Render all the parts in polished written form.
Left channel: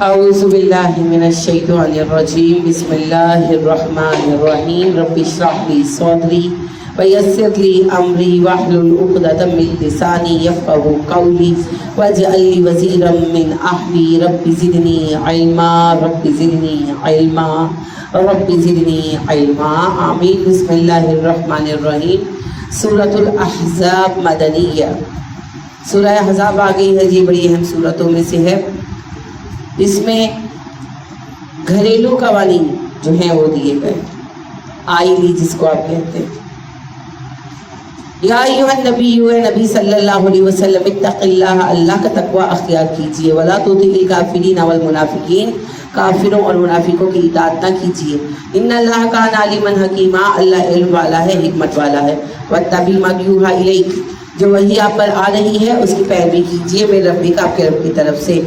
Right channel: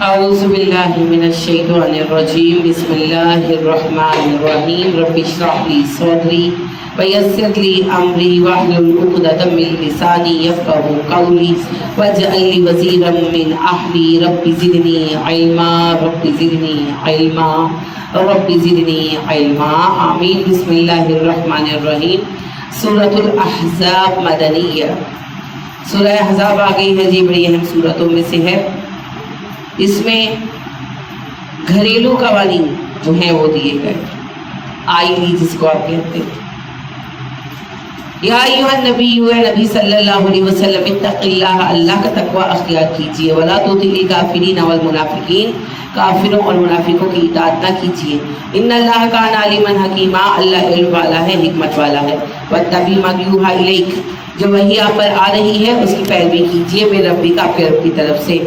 أعوذ بالله من الشيطان الرجيم بسم الله الرحمن الرحيم رب اشرح لي صدري ويسر لي أمري واحلل عقدة من لساني يفقهوا قولي واجعل لي وزيرا من أهلي رب زدني علما رب زدني علما رب زدني علما آمين بسم الله الرحمن الرحيم سورة الأحزاب مدنية سورہ احزاب آ گئی ہے جی، بڑی اہم سورتوں میں سے ہے۔ اس میں گھریلو قوانین جو ہیں وہ دیے گئے، آئلی جس کو آپ کہتے ہیں۔ یا ایھا النبی، اے نبی صلی اللہ علیہ وسلم، اتق اللہ، اللہ کا تقوی اختیار کیجیے، ولا تطع الکافرین والمنافقین، کافروں اور منافقوں کی اطاعت نہ کیجیے۔ ان اللہ کان علیما حکیما، اللہ علم والا ہے، حکمت والا ہے۔ واتبع ما یوحی الیک، جو وحی آپ پر آ رہی ہے اس کی پیروی کیجیے، میرے ربی کا، آپ کے رب کی طرف سے۔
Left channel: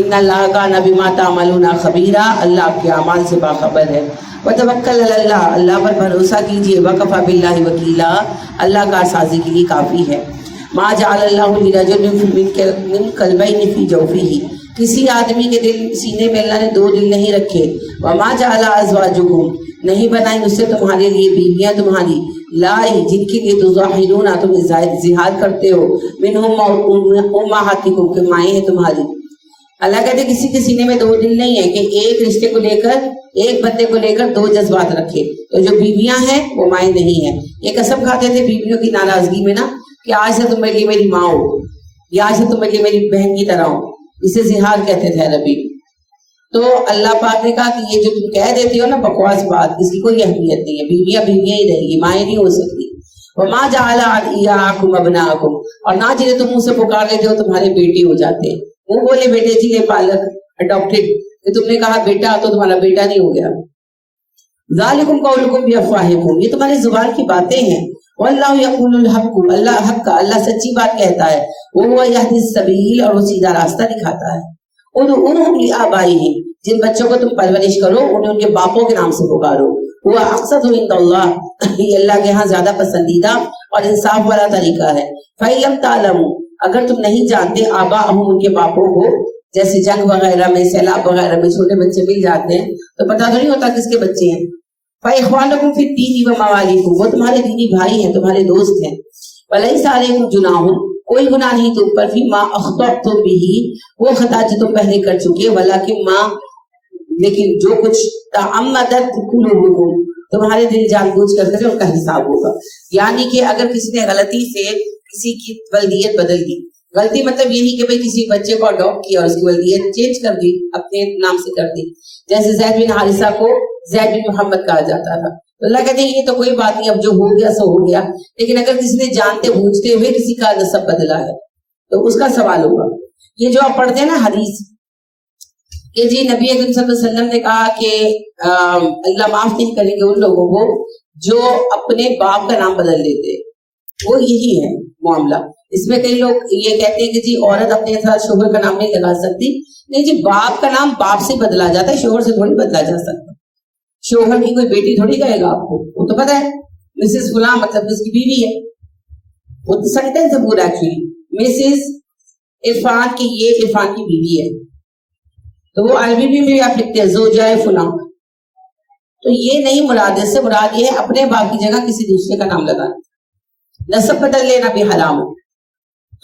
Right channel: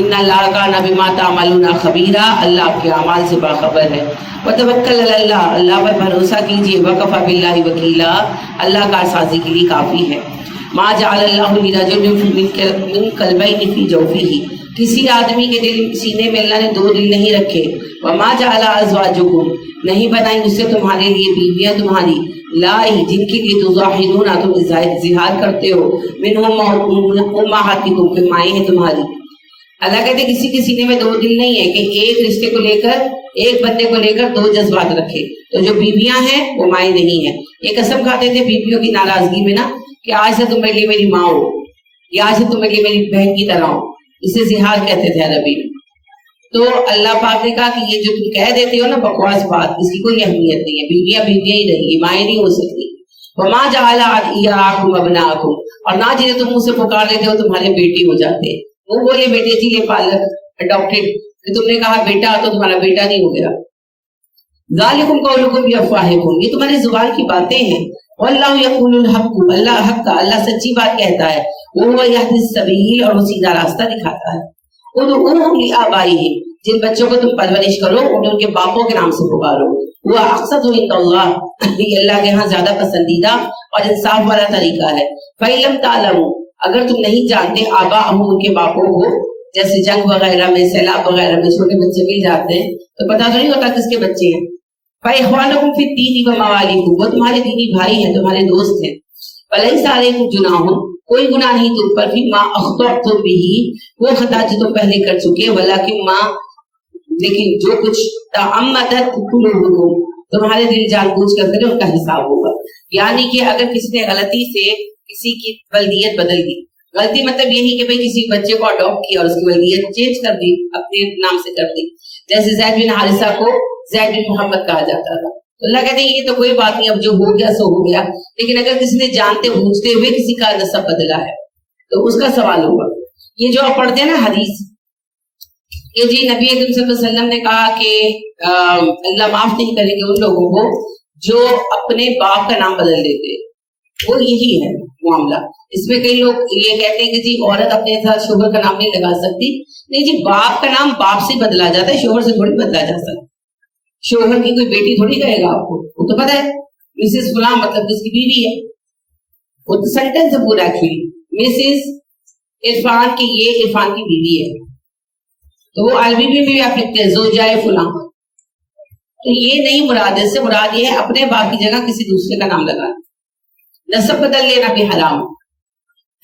ان اللہ کان بما تعملون خبیرا، اللہ آپ کے اعمال سے باخبر ہے۔ وتوکل علی اللہ، اللہ پر بھروسہ کیجیے۔ وکفی باللہ وکیلا، اللہ کارسازی کے لیے کافی ہے۔ ما جعل اللہ لرجل من قلبین فی جوفہ، کسی آدمی کے سینے میں اللہ نے دو دل نہیں رکھے۔ وما جعل ازواجکم، نہیں بنائی اس سے تمہارے لیے بیویاں تمہاری، لائی جن کے لیے تظاہرون، تم اظہار کرتے ہو، منہم امہاتکم، کہ مائیں ہیں تمہاری۔ اللہ کہتے ہیں کسی کے سینے میں دو دل نہیں ہے کہ ایک رشتے کو لے کر، ایک بندے کو لے کر دو جذبات رکھے۔ تو جو بیویاں ہیں وہ مائیں نہیں ہیں۔ یہ قسم کھاتے تھے بیویوں کی ناراضگی میں نا کہ آج سے تم میرے لیے میری ماں ہو، یا آج سے تم میرے لیے میری بہن کی طرح ہو، اسے زہار کہتے تھے عربی میں۔ تو اللہ پاک نے کہا کہ یہ جو تم کہہ دیتے ہو نا بکواس بات، اس کی کوئی اہمیت نہیں ہے، بیویاں بیویاں ہی رہیں گی، مائیں نہیں ہو سکتی۔ وما جعل ادعیاءکم ابناءکم، اور نہ جنہیں تم منہ سے پکار لیتے ہو تمہارے بیٹے ہو جاتے ہیں۔ وہ بولے بیٹے جی یہ پالک اڈاپٹڈ، کہ تم نے کہا بیٹا تو تمہارا بیٹا نہیں ہو گیا۔ ذالکم قولکم بافواہکم، یہ تمہاری زبان کی باتیں ہیں۔ واللہ یقول الحق، اللہ حق کا، اللہ سچی بات کہتا ہے۔ وہو یہدی السبیل، اور وہ سیدھا راستہ دکھاتا ہے۔ ادعوہم لآبائہم، جن بچوں کو تم پرورش کرو انہیں ان کے باپوں کے نام سے پکارو۔ وہ اقسط عند اللہ، یہ اللہ کے ہاں زیادہ پسندیدہ اور انصاف والا طریقہ ہے۔ فإن لم تعلموا، اگر تم نہیں جانتے آباءہم، ان کے باپوں کو، جیسے جنگ وغیرہ میں، سیلاب وغیرہ میں چھوٹے بچے مل جاتے ہیں تو پتہ نہیں ہوتا کس کے بچے ہیں۔ فإخوانکم فی الدین وموالیکم، وہ تمہارے دینی بھائی ہیں، تمہارے دوست ہیں۔ ولیس علیکم جناح، کوئی گناہ نہیں تم پر، فیما اخطأتم بہ، وہ خطا جو تم پہلے کر چکے، ولکن ما، لیکن جو کچھ تعمدت قلوبکم، تمہارے دل جان بوجھ کر کرے ان کا حساب ہوگا۔ یعنی کہ اگر کسی نے غلطی سے کسی کی ولدیت بدل دی، غلطی مطلب یہی کہ بھئی کسی بچے کو اڈاپٹ کیا اور اس کی ولدیت چینج کر دی، اپنے نام سے کر دی، جیسے زید بن حارثہ کو زید بن محمد کہا جاتا تھا۔ تو اللہ کہتے ہیں یہ تو کوئی بات نہیں، اب جو ہو گیا سو ہو گیا، لیکن اگر کسی نے جانتے بوجھتے ہوئے کسی کا نسب بدلا ہے تو اس کا سوال ہوگا۔ یہ جو آپ پڑھتے ہیں نا حدیث کہ جی نبی اکرم صلی اللہ علیہ وسلم نے کہا کہ اللہ معاف نہیں کریں گے ان لوگوں کو جو اپنے باپ کا نام بدل دیتے، وہ یہی ہے معاملہ۔ اس میں کئی لوگ یہ کہتے ہیں کہ جی عورت اپنے ساتھ شوہر کا نام نہیں لگا سکتی، نہیں جی، باپ کا نام باپ سے بدلا جاتا ہے، شوہر سے تھوڑی بدلا جا سکتا۔ شوہر کی کوئی بیٹی تھوڑی کہے گا آپ کو، وہ تو پتہ ہے مسز فلاں مطلب اس کی بیوی ہے، وہ تو سینٹینس ہے پورا ایکچولی، مسز عرفان کی، یہ عرفان کی بیوی ہے، تو وہ عربی میں بھی آپ لکھتے ہیں زوجائے فلاں، تو یہ نہیں مراد، اس سے مراد یہ ہے اپنے باپ کی جگہ کسی دوسرے کا نام لگانا۔ نسب بدل لینا بھی حرام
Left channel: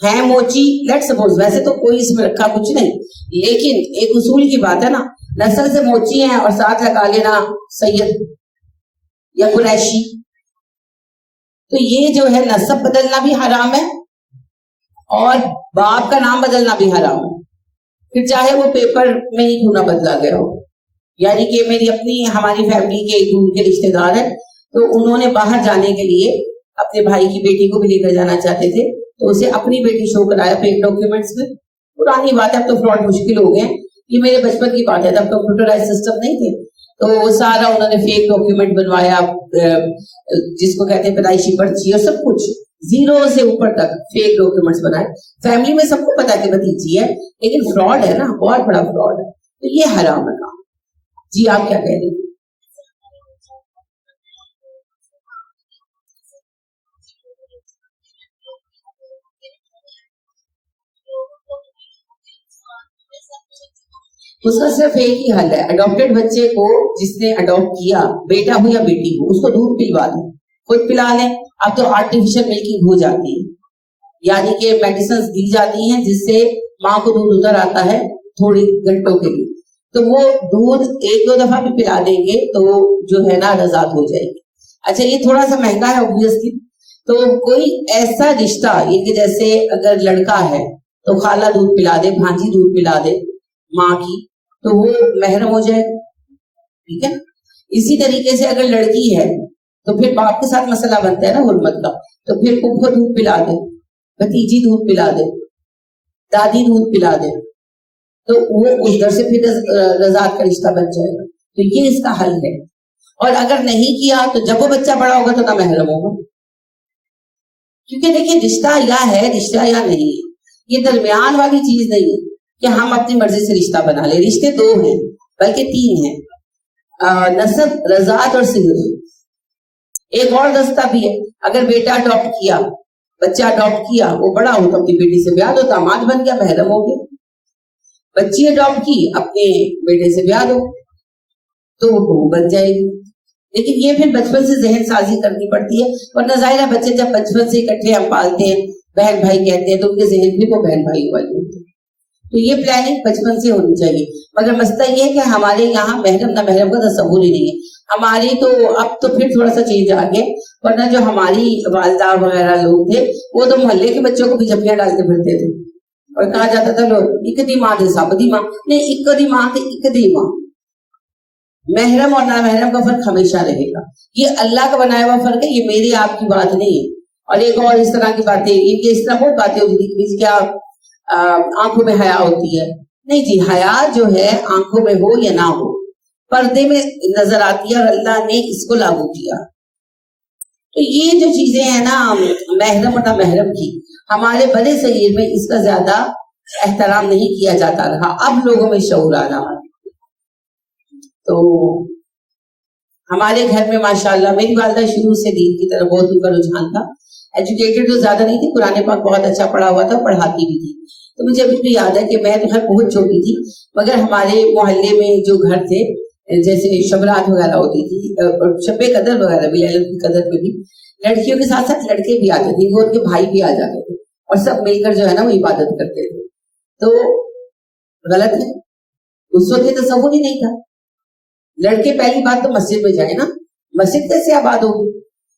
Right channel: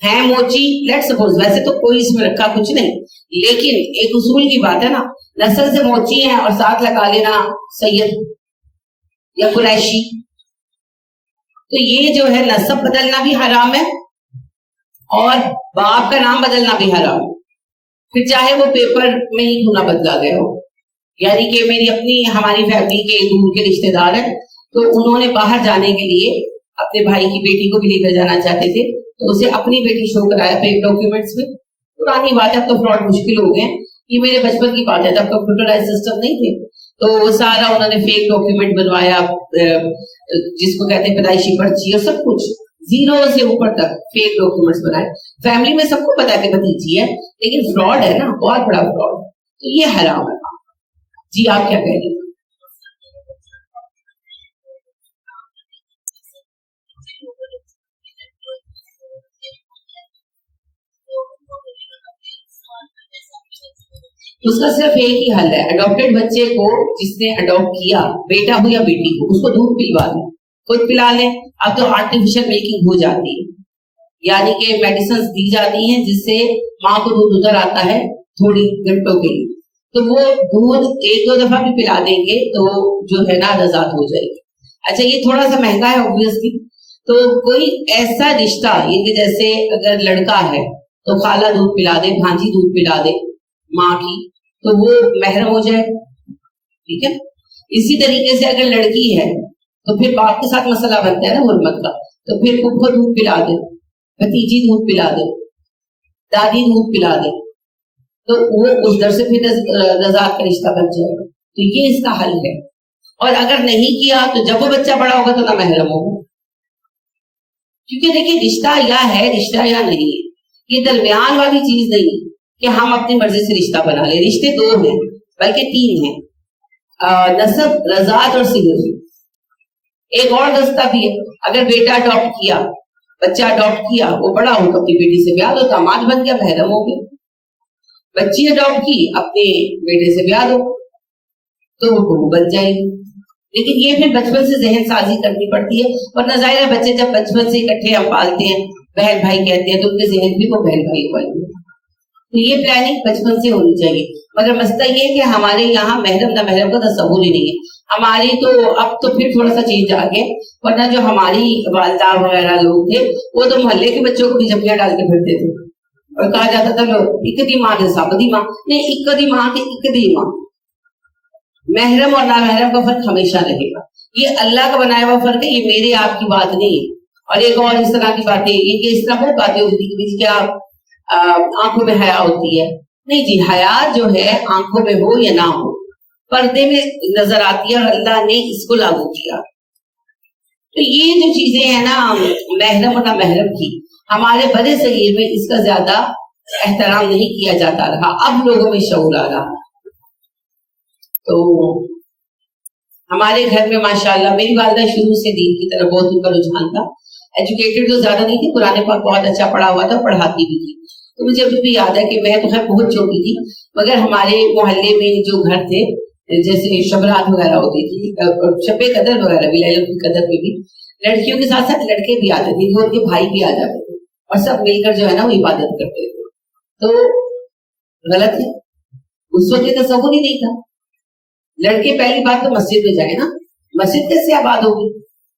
ہے موچی، لیٹ سپوز، ویسے تو کوئی اس میں رکھا کچھ نہیں، لیکن ایک اصول کی بات ہے نا، نسل سے موچی ہیں اور ساتھ لگا لینا سید یا قریشی، تو یہ جو ہے نسب بدلنا بھی حرام ہے اور باپ کا نام بدلنا بھی حرام ہے، پھر چاہے وہ پیپر میں ہی کیوں نہ بدلا گیا ہو۔ یعنی کہ میری اپنی، ہماری فیملی کے دور کے رشتے دار ہیں، تو انہوں نے باہر جانے کے لیے اپنے بھائی کی بیٹی کو بھی لے کر جانا چاہتے تھے، تو اسے اپنی بیٹی شو کرایا فیک ڈاکیومنٹس میں۔ پرانی بات ہے، اب تو فراڈ مشکل ہو گئے، یہ میرے بچپن کی بات ہے، تب کمپیوٹرائز سسٹم نہیں تھے، تو سارا انہوں نے فیک ڈاکیومنٹ بنوایا، جس کو کہتے ہیں پیدائشی پرچی اور سب کچھ، زیرو سے اوپر تک فیک ڈاکیومنٹس بنائے۔ فیملی میں سب کو پتا ہے کہ بھتیجی ہے، لیکن فراڈ ہے نا، بہت بڑا فراڈ ہے، تو یہ حرام ہے کام۔ جی آپ کیا کہہ رہی ہیں؟ اس کا صرف ایک ہی حل ہے، اڈاپٹیڈ بچے کو جس نے اڈاپٹ کیا، بیٹا ہو یا بیٹی ہو، اس کو دودھ پلوا دیں، خود پلا لیں۔ اب تو آرٹیفیشل ملکنگ ہو جاتی ہے، یعنی کہ میڈیسنز دی جاتی ہیں جس سے ماں کو دودھ ادھر آتا ہے تھوڑی گھنٹوں کے لیے، تو وہ دودھ ایک دو دفعہ بھی پلا دیں گے تو جو ہے نا رضاعت ہو جائے گی۔ اچھا یہ تھوڑا سا مہنگا ہے اوبویسلی، تو کوئی ایسا رشتہ یہ کہ جیسے اگر لڑکا ہے تو خالہ دودھ پلا دے، بھانجی دودھ پلا دے ماں کی، تو وہ محرم ہو جائے، ٹھیک ہے۔ اسی طریقے سے اگر لڑکی ہے تو پھر باپ کے ساتھ مسئلہ بنتا ہے نا حرمت کا، تو پھر پھپھو دودھ پلا دے، بھتیجی دودھ پلا دے، دادی دودھ پلا دے، تو وہ اس در سے پھر رضاعت کا رشتہ بن جائے گا۔ تو یہ اس کا حل ہے۔ اور اگر نہیں کیا تو جب وہ بچہ بڑا ہوگا تو نہ محرم ہوگا، کیونکہ دیکھیں رشتہ یا ہے رشتہ یا نہیں ہے، یہ درمیان والی چیز نہیں ہے کہ ہم اپنی مرضی سے رشتہ بنا لیں۔ رشتے دو ہیں بلکہ تین ہیں، نسب، رضاعت اور صہر۔ ایک اور رستہ بھی ہے، اگر بیٹا اڈاپٹ کیا، بچہ اڈاپٹ کیا، وہ بڑا ہو تو اپنی بیٹی سے بیاہ دو، داماد بن گیا، محرم ہو گیا۔ بچی اڈاپٹ کی، اپنے بیٹے سے بیاہ دو تو وہ بہو بن جائے گی۔ لیکن یہ پھر بچپن سے ذہن سازی کرنی پڑتی ہے، ورنہ ظاہر ہے بچے جب بچپن سے اکٹھے ہم پالتے ہیں، بہن بھائی کہتے ہیں، تو ان کے ذہن بھی وہ بہن بھائی ہوا ہے۔ تو یہ پلاننگ بچپن سے ہونی چاہیے۔ مگر مسئلہ یہ ہے کہ ہمارے یہاں محرم نہ محرم کا تصور ہی نہیں ہے۔ ہماری تو اب تو پھر تھوڑا سا چینج آ گیا، ورنہ جو ہماری والدہ وغیرہ لوگ تھے وہ تو محلے کے بچوں کو بھی جھپیاں ڈال کے پھرتے تھے، اور کہا جاتا تھا لو ایک دی ماں کے سب دی ماں، نہیں ایک دی ماں تے ایک دی ماں۔ محرم اور نامحرم کا فرق ہمیشہ رہے گا، یہ اللہ کا بنایا ہوا فرق ہے، یہ میرے آپ کی بات نہیں ہے۔ اور ایک اور اس طرح کی باتیں، ان کے اس طرح بہت باتیں ہوتی تھی کہ کیا آنکھوں میں حیا ہوتی ہے، نہیں جی، حیا جو ہے آنکھوں میں ہو یا نہ ہو پردے میں نظر آتی ہے، اور اللہ نے اس کو لاگو کیا۔ تو یہ جو چیزیں ہیں نا محرم اور نامحرم کی، ہمارے بڑے صغیر میں اس کا زیادہ احترام نہیں کیا جاتا رہا، اب لوگوں میں شعور آ رہا۔ تو ہمارے گھر میں ماشاءاللہ میری والدہ شروع سے دین کی طرف بہت ان کا رجحان تھا، ایجوکیٹڈ تو زیادہ نہیں تھی، قرآن پاک بہت اچھا پڑھا ہوا تھا، پڑھاتی بھی تھی۔ تو مجھے ابھی بھی یاد ہے کہ میں تو خیر بہت چھوٹی تھی، مگر ہمارے محلے میں جو گھر تھے جیسے شبرات وغیرہ ہوتی تھی، شب قدر وغیرہ بھی، لیلۃ القدر پہ بھی لڑکیوں کے ساتھ ساتھ لڑکے بھی آتے تھے، وہ ان کے بھائی بھی آ جاتے تھے، اور سب مل کر جو ہے نا وہ عبادت کرتے تھے۔ تو غلط ہے، اس وقت یہ تصور ہی نہیں تھا۔ لڑکے پہلی بات تو مسجد میں جائیں نا، مسجد کیسے آباد ہوگی؟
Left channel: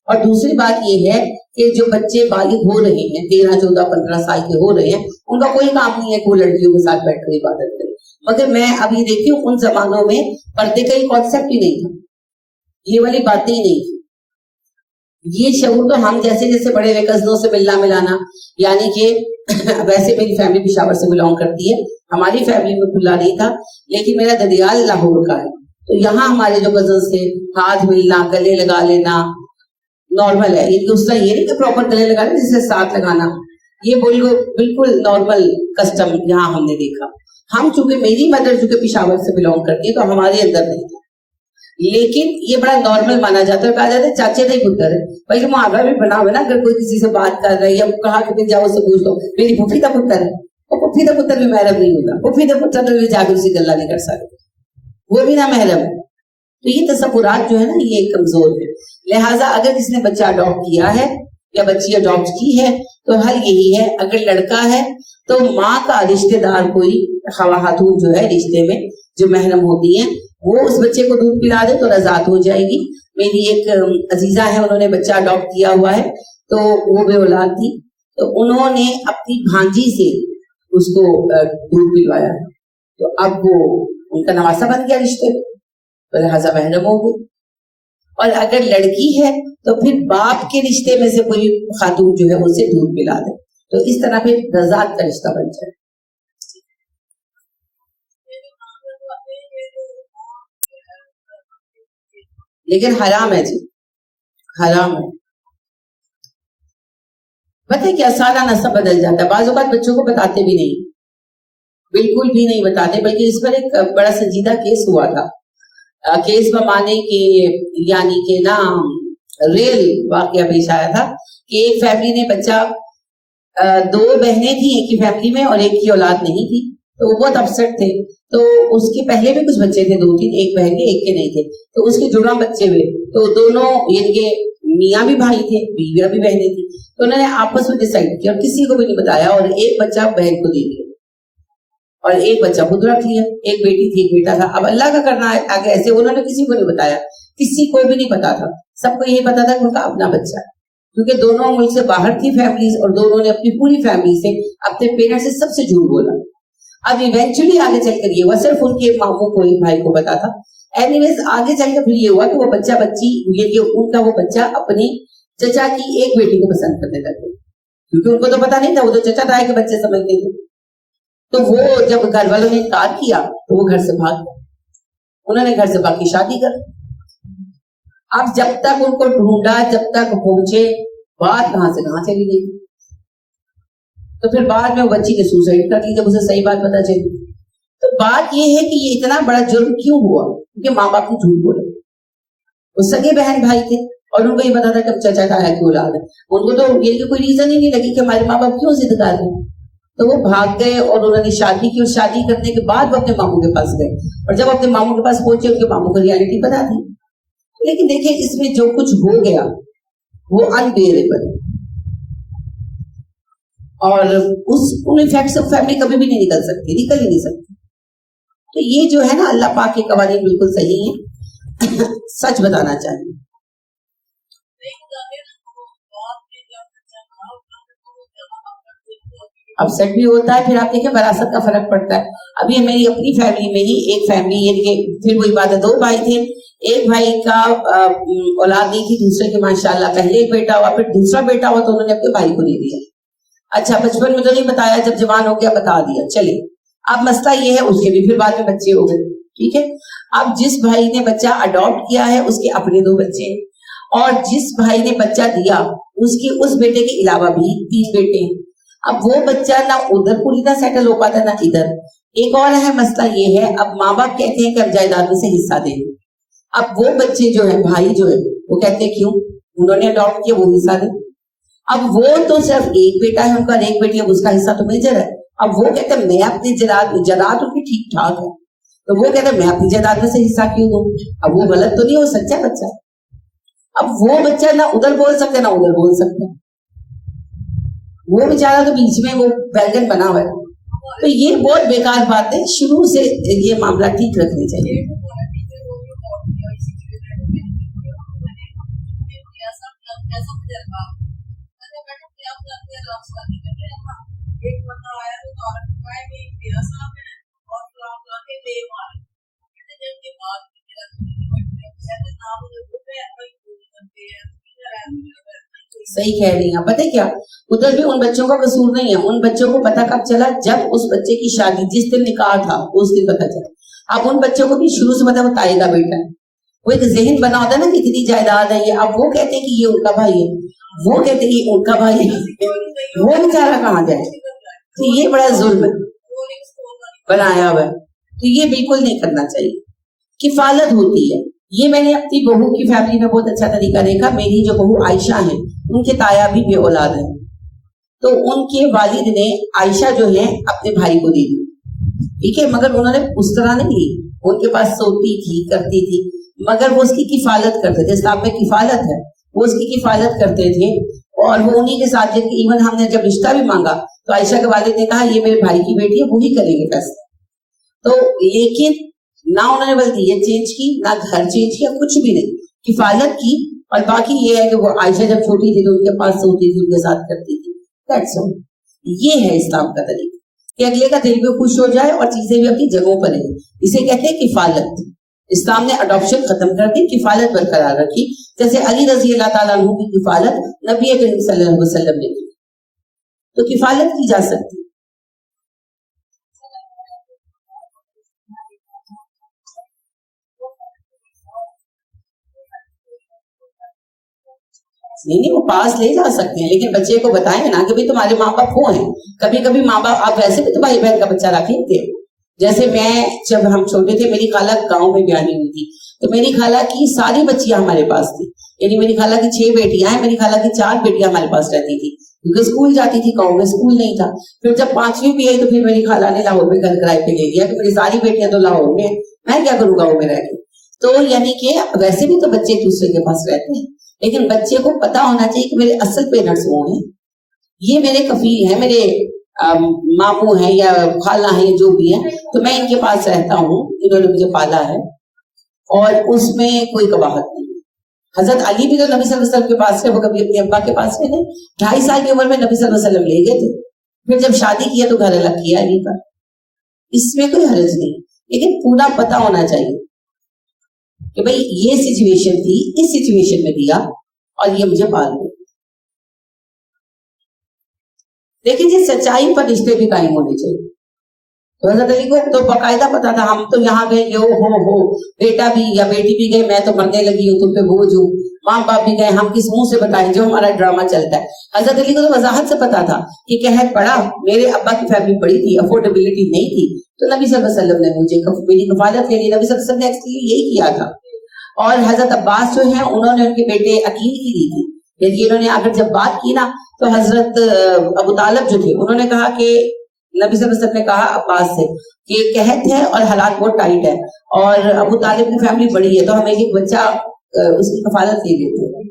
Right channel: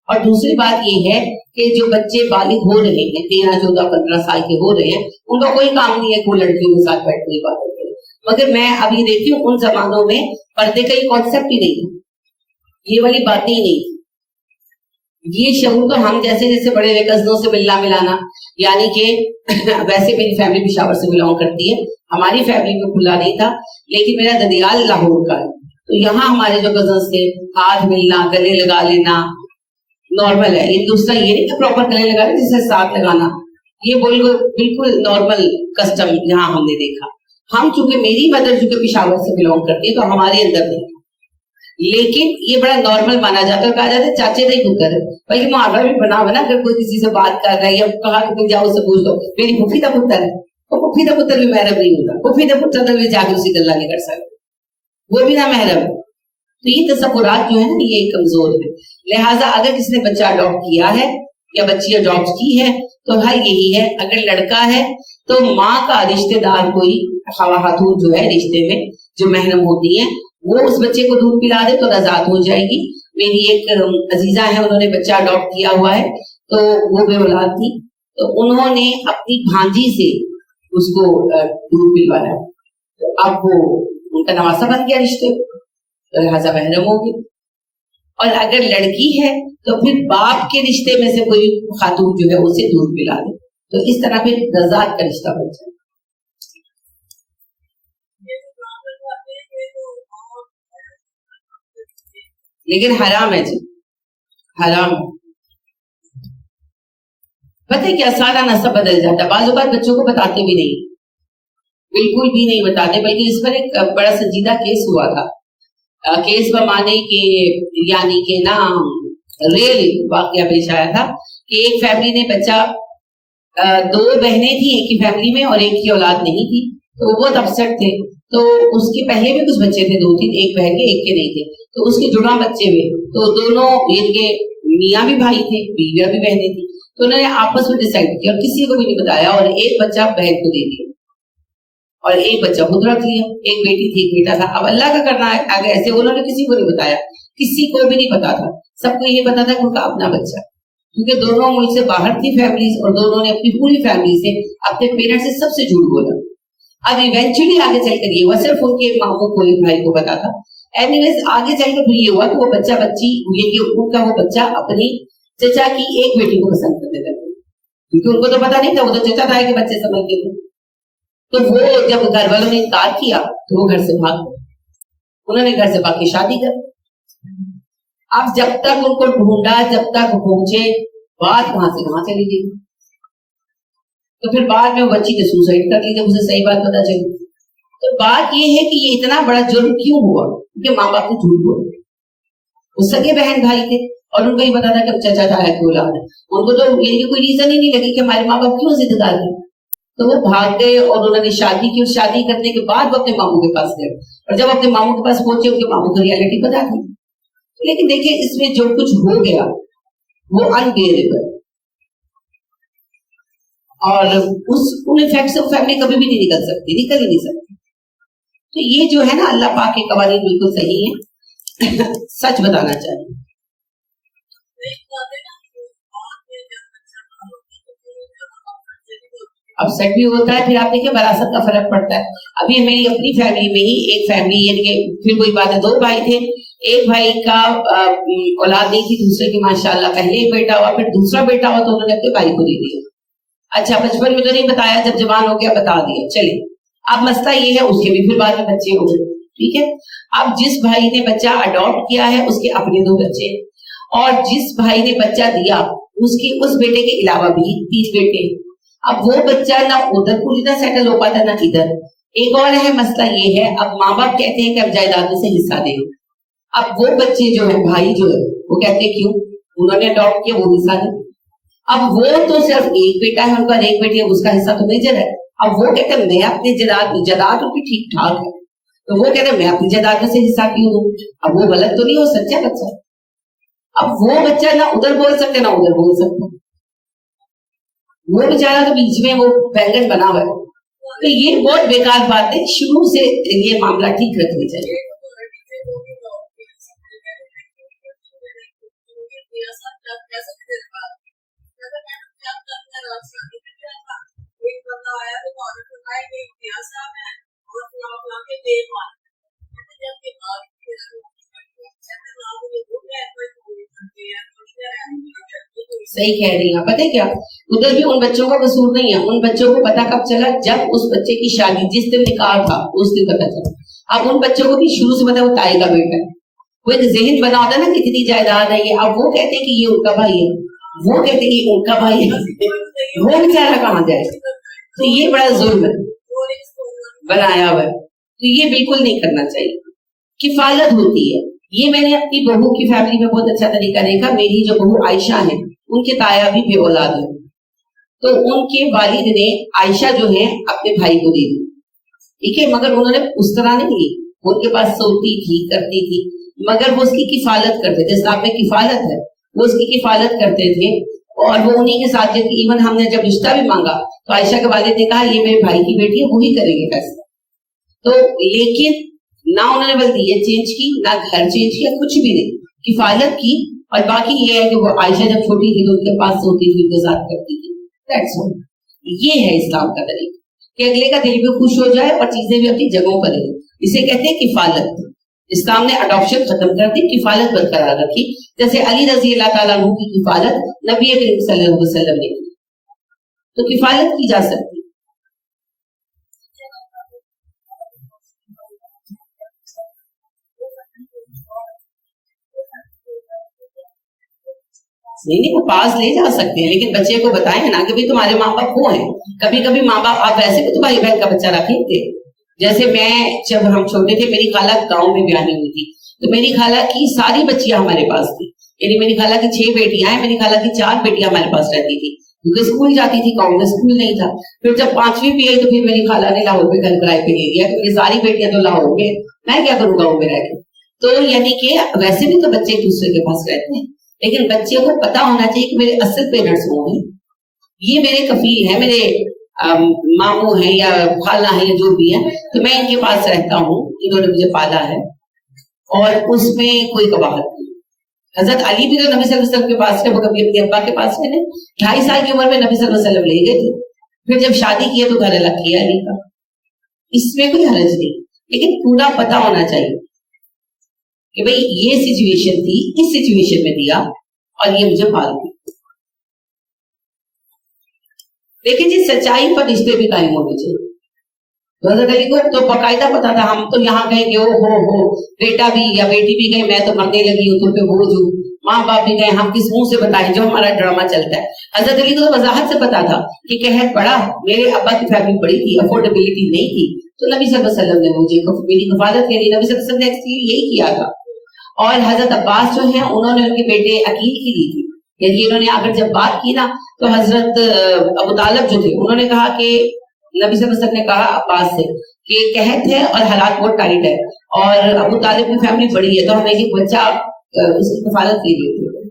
اور دوسری بات یہ ہے کہ جو بچے بالغ ہو رہے ہیں، 13 14 15 سال کے ہو رہے ہیں، ان کا کوئی کام نہیں ہے کہ وہ لڑکیوں کے ساتھ بیٹھ کر عبادت کرے۔ مگر میں اب یہ دیکھتی ہوں ان زمانوں میں پردے کا یہ کانسیپٹ ہی نہیں تھا، یہ والی باتیں ہی نہیں تھی۔ یہ شعور تو ہم جیسے جیسے بڑے ہوئے کزنوں سے ملنا ملانا، یعنی کہ ویسے میری فیملی پشاور سے بلانگ کرتی ہے، ہماری فیملی میں کھلا نہیں تھا، لیکن میرا ددیال لاہور کا ہے، تو یہاں ہمارے جو کزنس تھے ہاتھ ملنا، گلے لگا لینا نارمل ہے۔ یہ دوسرا یہ نہیں کہ پراپر گلے لگا لیں، جسے ساتھ لگانا، یہ بالکل نارمل کسٹم یہاں ہم نے دیکھا۔ ہم چونکہ میری مدر چونکہ پشاور سے بلانگ کرتی ہے تو ہمارے اندر نہیں تھا، لیکن یہ بڑا نارمل مانا جاتا ہے، کہا جاتا ہے چاچے کا ہی پتر ہے، بلکہ محاورہ بھی بنا ہوا نا، اگر کوئی کسی سے بات کر رہا ہے یا کہا کہ تم جاؤ سے پوچھ لو میری پھوپھی کا پتر ہے، اور پھوپھی کا پتر بھی محرم نہیں ہوتا، پھوپھی کا پتر تو جا کے اسی گلا نہیں کر سکتے، وہ بھی نہ محرم ہے۔ تو یہ تصورات جو ہے نا یہ کمزور ہے۔ لہٰذا اگر کس نے بچہ اڈاپٹ کیا ہے یا بچی اڈاپٹ کی ہے تو حل یہی ہے، اگر لڑکا ہے تو ماں کا رشتہ دار کوئی خاتون جو ہے رشتے میں جو محرم ہوتی ہیں وہ اس بچے کو دودھ پلا دے تو رضاعت ہو جائے گی۔ میری ایک عزیزہ ہے، انہوں نے بچہ اڈاپٹ کیا ہوا ہے، تو وہ بے اولاد تھی، تو انہوں نے اپنی بھانجی سے اس کو دودھ پلوایا، تو اب وہ ان کا نواسا بن گیا رشتے، تو لہٰذا محرم ہوگی۔ اور اگر لڑکی ہے تو پھر باپ کے رشتے میں سے کوئی خاتون جو ہے اسے دودھ پلا دے، تو اس طرح پھر رضاعت کا رشتہ بن جائے۔ لیکن حرام ہے جی، حرام ہے۔ پتہ ہے کیا سارا نسب بدل جاتا ہے، بعض اوقات بچوں کو بتاتے بھی نہیں، بالکل بھی نہیں بتاتے، بلکہ اس پر ایک بڑا سنجیدہ کیس ہوا تھا، کیس بمانے کے یعنی کہ نا ریل واقعہ پیش آیا تھا کہ ایک فیملی نے بچہ، دو بہنیں تھیں ایک ہی فیملی میں اور ایک کی اولاد نہیں تھی، تو وہ بہت اپسیٹ تھے. تو اس کے پہلے بھی کچھ بچے تھے 2-3, ایک بہن کے ایک کے نہیں تھے. تو اس کے جڑواں بچے ہوئے, تو دونوں یعنی کہ میاں بھی بھائی تھے, بیویاں بھی بہنیں تھیں. تو انہوں نے آپس میں ڈیسائیڈ کیا اور کسی کو بھی نہیں بتایا, اور ایک بچہ بہن کو دے دیا اور ایک بچہ خود رکھ لیا. ایک بیٹی تھی ایک بیٹا تھا. اب اللہ کا کرنا ہے آگے ایسے انہوں نے کسی کو نہیں بتایا, کسی کو بھی نہیں پتا تھا. سب کو یہ پتا تھا کہ ان کا اپنا بچہ ہے, کیونکہ دونوں ملک سے باہر تھی فیملیز, اور دونوں نے اپنی پوری فیملی سے اپنے پیرنٹس سے سب سے جھوٹ بولا. اب ایونچولی آگے چل کر یہ ہوا, صرف ان کے ماموں کو ایک بھائی کو پتا تھا. اینیویز آگے چل کر پھر یہ ہوا کہ وہ بچہ بچی ان کا وہ بچہ اپنی چچا کی ایک بیٹی کو پسند کرنے لگے, کیونکہ ان کو تو پتا نہیں تھا, وہ تو چچا تھا کہ بچے سمجھتے تھے. تو وہ جب گھر والوں نے انکار کیا تو وہ گھر سے بھاگ گئے. انہوں نے گھر سے بھاگ کے شادی کر. اب جب تک ان کو ڈھونڈا, جب تک پہنچے, بات کہاں سے کہاں چلی گئی. تو پھر بعد میں وہ بچی نے سوسائڈ کر لی جب اسے صحیح بات پتا چلی. تو بات یہ ہے کہ یہ اتنا بڑا جرم کیوں ہوا, کیونکہ ماں باپ نے جھوٹ بولا. وہ سگے بہن بھائی تھے اور ان کو یہ پتا تھا کہ چچا تھا کی اولاد ہے. ان کو تو یہ کوئی ریزن ہی نہیں لگی کہ ہمارے ماں باپ کیوں ضد کر رہے ہیں. تو وہ بھاگ گئے اور انہوں نے شادی کی, اور شادی کرنے کے بعد وہ اپنے ماموں کے پاس گئے, اور جب اپنے ماموں کے پاس پہنچے ان کے ماموں کو ریالٹی پتا تھی. لیکن دیکھیں اس میں جو کچھ ہو گیا وہ انبیئریبل, اور ان افیکٹ سے فیملی کبھی بھی نہیں نکل سکتی, نکل ہی نہیں سکتی. تو یہ جو ہے نا اللہ پاک کے قوانین بالکل صحیح ہیں, سچ بتانا چاہیے. اپسیٹ بھی ہوتا ہے. پھر آپ دیکھیں وراثت کا فرق پڑتا ہے. ابھی میری اپنی فیملی میں ہی ایک فیملی, یعنی کہ پھر وہی بات ہے, 2 بھائی تھے, ایک بھائی کا اولاد نہیں تھی, دوسرے کے ماشاءاللہ پہلے ایک بیٹا ہوا, پھر دوسرا بیٹا ہوا تو انہوں نے اپنے بھائی کو دے دیا. اچھا بچپن میں تو نہیں بتایا, جب جوان ہو گیا بتا دیا. چلے اب مسئلہ یہ ہے, اس کے بھی پھر بعد میں بچے ہو گئے, ٹھیک ہے. اب جس بھائی نے بچہ اڈاپٹ کیا ہے اس کے اپنے 2 بچے, اور جس بھائی نے بچہ دیا اس بیٹے کے علاوہ بھی 3 بیٹے ہیں. اب وہ بچہ نہ ادھر پوری طرح سیٹل ہو پاتا نہ ادھر. ایک اور ہے مسئلہ یہ ہے, اب ماں باپ کہتے ہیں کہ اب جائیداد میں سے حصہ دیں گے. اب وہ بچے جو ہے بھائی جو ہے وہ کہتے ہیں کیوں, انہوں نے اڈاپٹ کیا, وہ حصہ دیں. اب وہ تو صرف ایک بیٹا ہے ان کا, ایک بیٹی ہے, اس کا حصہ تو میجر ہے. اب وہ کہتے ہیں میں اپنی جائیداد ان کی ٹھیک ٹھاک ہے, تو وہ کہتے ہیں میں اپنی جائیداد میں سے حصہ کیوں دوں. اب وہ غلط تو نہیں ہو, سچا بچہ. اب وہ بچہ نہ ادھر بول سکتے نہ ادھر بول سکتا, وہ بیچارہ تو بیچ میں وہ بینگن بنا ہوا ہے. تو یہ بہت بیکار بات ہے, شروع سے یہ معاملہ ٹھیک رکھنی چاہیے. ایک بندہ آیا تو عورت کو کہا کہ امتیاز صاحب ہیں اور فلاں فلاں کے لے مارے, جب کے بعد صحیح کہہ رہی ہیں. پتہ کیا, ادھر بھی ان بچوں کا قصور نہیں ہے. ان بچوں کو پتا کب چلا, جب اس بچے کی شادی جس دن نکاح تھا اس دن پتا چلا. اب ان بچوں کو بھی شروع سے پتا وہ تائی کا بیٹا ہے, وہ ایک ذہن بنا ہوتا ہے نا کتنی جائیداد ہے یہ. اب وہ کہتے ہیں کہ یہ ان کا بھائی ہے, وہ کہتے ہیں یہ ان کا بھائی ہے, وہ بیچارہ کہاں جائے. تو یہ بڑا ظلم بنایا ہوا ہے. تو یہ بالکل نہیں کرنا چاہیے. کفالت ہوتی ہے, یہ میں نے اپنی بہو کی فیملی میں بہت اچھا طریقہ دیکھا. میری جو بہو عائشہ ہیں ان کے تایا بھی بے اولاد ہیں, تو ان کے والد نے عائشہ جو ہے اپنے بھائی کو دے دی, ٹھیک ہے, مگر انہوں نے اس طرح نہیں دی. ان کے پاس سوتی تھی, کرتی تھی, مگر وہ اس کی کفالت کرتے تھے. اسلام میں کفالت ہے, وہ اس کی کفالت کرتے تھے, اور وہ انہی کے ساتھ جب ایون ہم نے جب رشتہ بھی مانگا تو عائشہ کے والد نے کہا یہ میرے بھائی کی بیٹی ہے, وہی کریں گے فیصلہ. تو لیکن نہ انہوں نے بلکہ یہ چینج کی, نہ گھر چینج کیا, کچھ بھی نہیں, کفالت کی. اور باقی یہ ہے کہ وہ عائشہ جب چھوٹی تھی تو ان کے پاس سوتی تھی, ان کے ساتھ کرتی تھی. That's all. یہ ہے اسلام کا طریقہ کہ اگلے کا دل بھی خوش ہو جائے اور چیزیں بھی اپنی جگہوں پر رہیں. اسے کہتے ہیں کفالت. اسلام نے اڈاپشن ختم کر دی, کفالت برقرار رکھی. جیسے علی رضی اللہ تعالیٰ عنہ کی کفالت نبی کریم صلی اللہ علیہ وسلم نے کی, تو کفالت کی جا سکتی. نہیں, وہ پاس لے جا سکتے ہیں, لیکن بچے کو بتائیں نا کہ تمہارے ماں باپ وہ ہیں. کبھی کبھی ماں باپ, آپ ویسے بھی تو بھائی بہن کا بچہ رکھے تھے. جیسے میں جب ہم چھوٹے تھے, میری خالہ گاؤں میں بیانی ہوئی تھی, تو میری خالہ کی ساری بچیاں ہمارے پاس تھی. یعنی میری خالہ کی 6 بیٹیاں ہیں, میری خالہ کی 4 بیٹیاں ہمارے پاس رہتی تھی. کیونکہ اسکول جاتی تھی گاؤں میں، اسکول نہیں تھا. پھر جب 5ویں پہ آئی تو پھر میری خالہ نے لاہور میں گھر کرائے پہ لے لیا کہ میری ساری بیٹیاں تو لاہور میں، میں کیا کروں گاؤں میں رہ کے. تو یعنی کہ ویسے بھی تو بچے ایک دوسرے کے پاس رہتے ہیں، لیکن بچے کو پتا ہونا چاہیے کہ میرے اصل پیرنٹس وہ ہیں، یہ میرے کفیل ہیں، میرے ماموں ہیں یا خالہ ہیں یا جو بھی ہیں، تو میں ان کے پاس رہتا ہوں، انہوں نے مجھے پالا ہے اور اس میں کوئی قباحت نہیں. حضرت علی بھی تو نبی صلی اللہ علیہ وسلم کے پاس رہے، وہ کبھی اپنے ابا کے پاس رہے، 2.5 سال کی عمر میں نبی صلی اللہ علیہ وسلم لے گئے تھے. پھر جب شادی کیا تو گھر الگ کیا علی کا، اس میں کوئی حرج نہیں، لیکن پورا پتا ہونا چاہیے کہ بھئی یہ سچویشن تھی، اس سچویشن میں دیا اور یہ مجھے پال گئی. لیکن جی سچائی پر رشتے بھی قائم ہونے چاہیے. تو حضرت علی کو تو باقاعدہ پتا تھا، ہم تو یہاں گئے کہ ہو بیٹا بھی یا بیٹی بھی گئے، میں تو مرنے لگی ہوں، تم پہ بوجھ ہوں، ماں باپ بھی گئے، ہم کس منہ سے بتائیں جو ہمارا ڈرامہ چلتا ہے. حضرت علی کو تو وضاحت سے پتا تھا کہ قحط پڑا، میرے ابا کی فیملی بڑی تھی، افورڈیبلٹی نہیں تھی، تو نبی صلی اللہ علیہ وسلم نے مجھے میری کفالت کے لیے، نبی صلی اللہ علیہ وسلم نے ایکچولی یہی کیا تھا. اور حضرت عباس جو ہیں انہوں نے ان کے بیٹے عقیل کی دی تھی، یعنی انہوں نے اگر جب بات کی نا تو حضرت ابو طالب جو تھے انہوں نے کہا کہ نبی صلی اللہ علیہ وسلم نے کہا عباس سے کہ قحط ہے اور حالات بہت ٹائٹ ہے اور ابو طالب کی فیملی بڑی ہے، تو ہم ایک بچہ اس کی کفالت لے لیتے ہیں.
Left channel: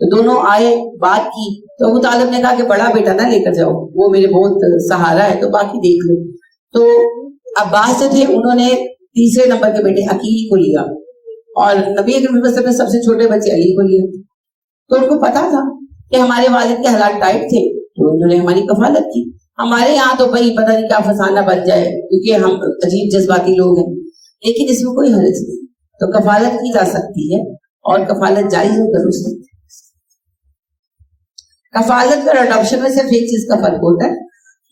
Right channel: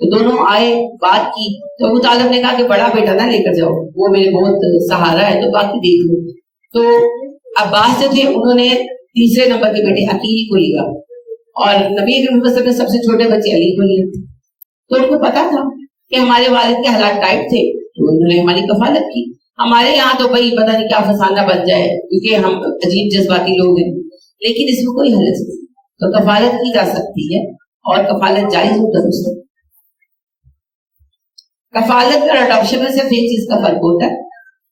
تو دونوں آئے، بات کی، تو ابو طالب نے کہا کہ بڑا بیٹا نہ لے کر جاؤ، وہ میرے بہت سہارا ہے، تو باقی دیکھ لو. تو عباس جو تھے انہوں نے تیسرے نمبر کے بیٹے عقیل کو لیا اور نبی اکرم صلی اللہ علیہ وسلم نے سب سے چھوٹے بچے علی کو لیے. تو ان کو پتا تھا کہ ہمارے والد کے حالات ٹائٹ تھے، تو انہوں نے ہماری کفالت کی. ہمارے یہاں تو بھائی پتہ نہیں کیا فسانہ بن جائے کیونکہ ہم عجیب جذباتی لوگ ہیں، لیکن اس میں کوئی حرج نہیں. تو کفالت کی جا سکتی ہے اور کفالت جائز و درست ہے. کفالت اور اڈاپشن میں صرف ایک چیز کا فرق ہوتا ہے،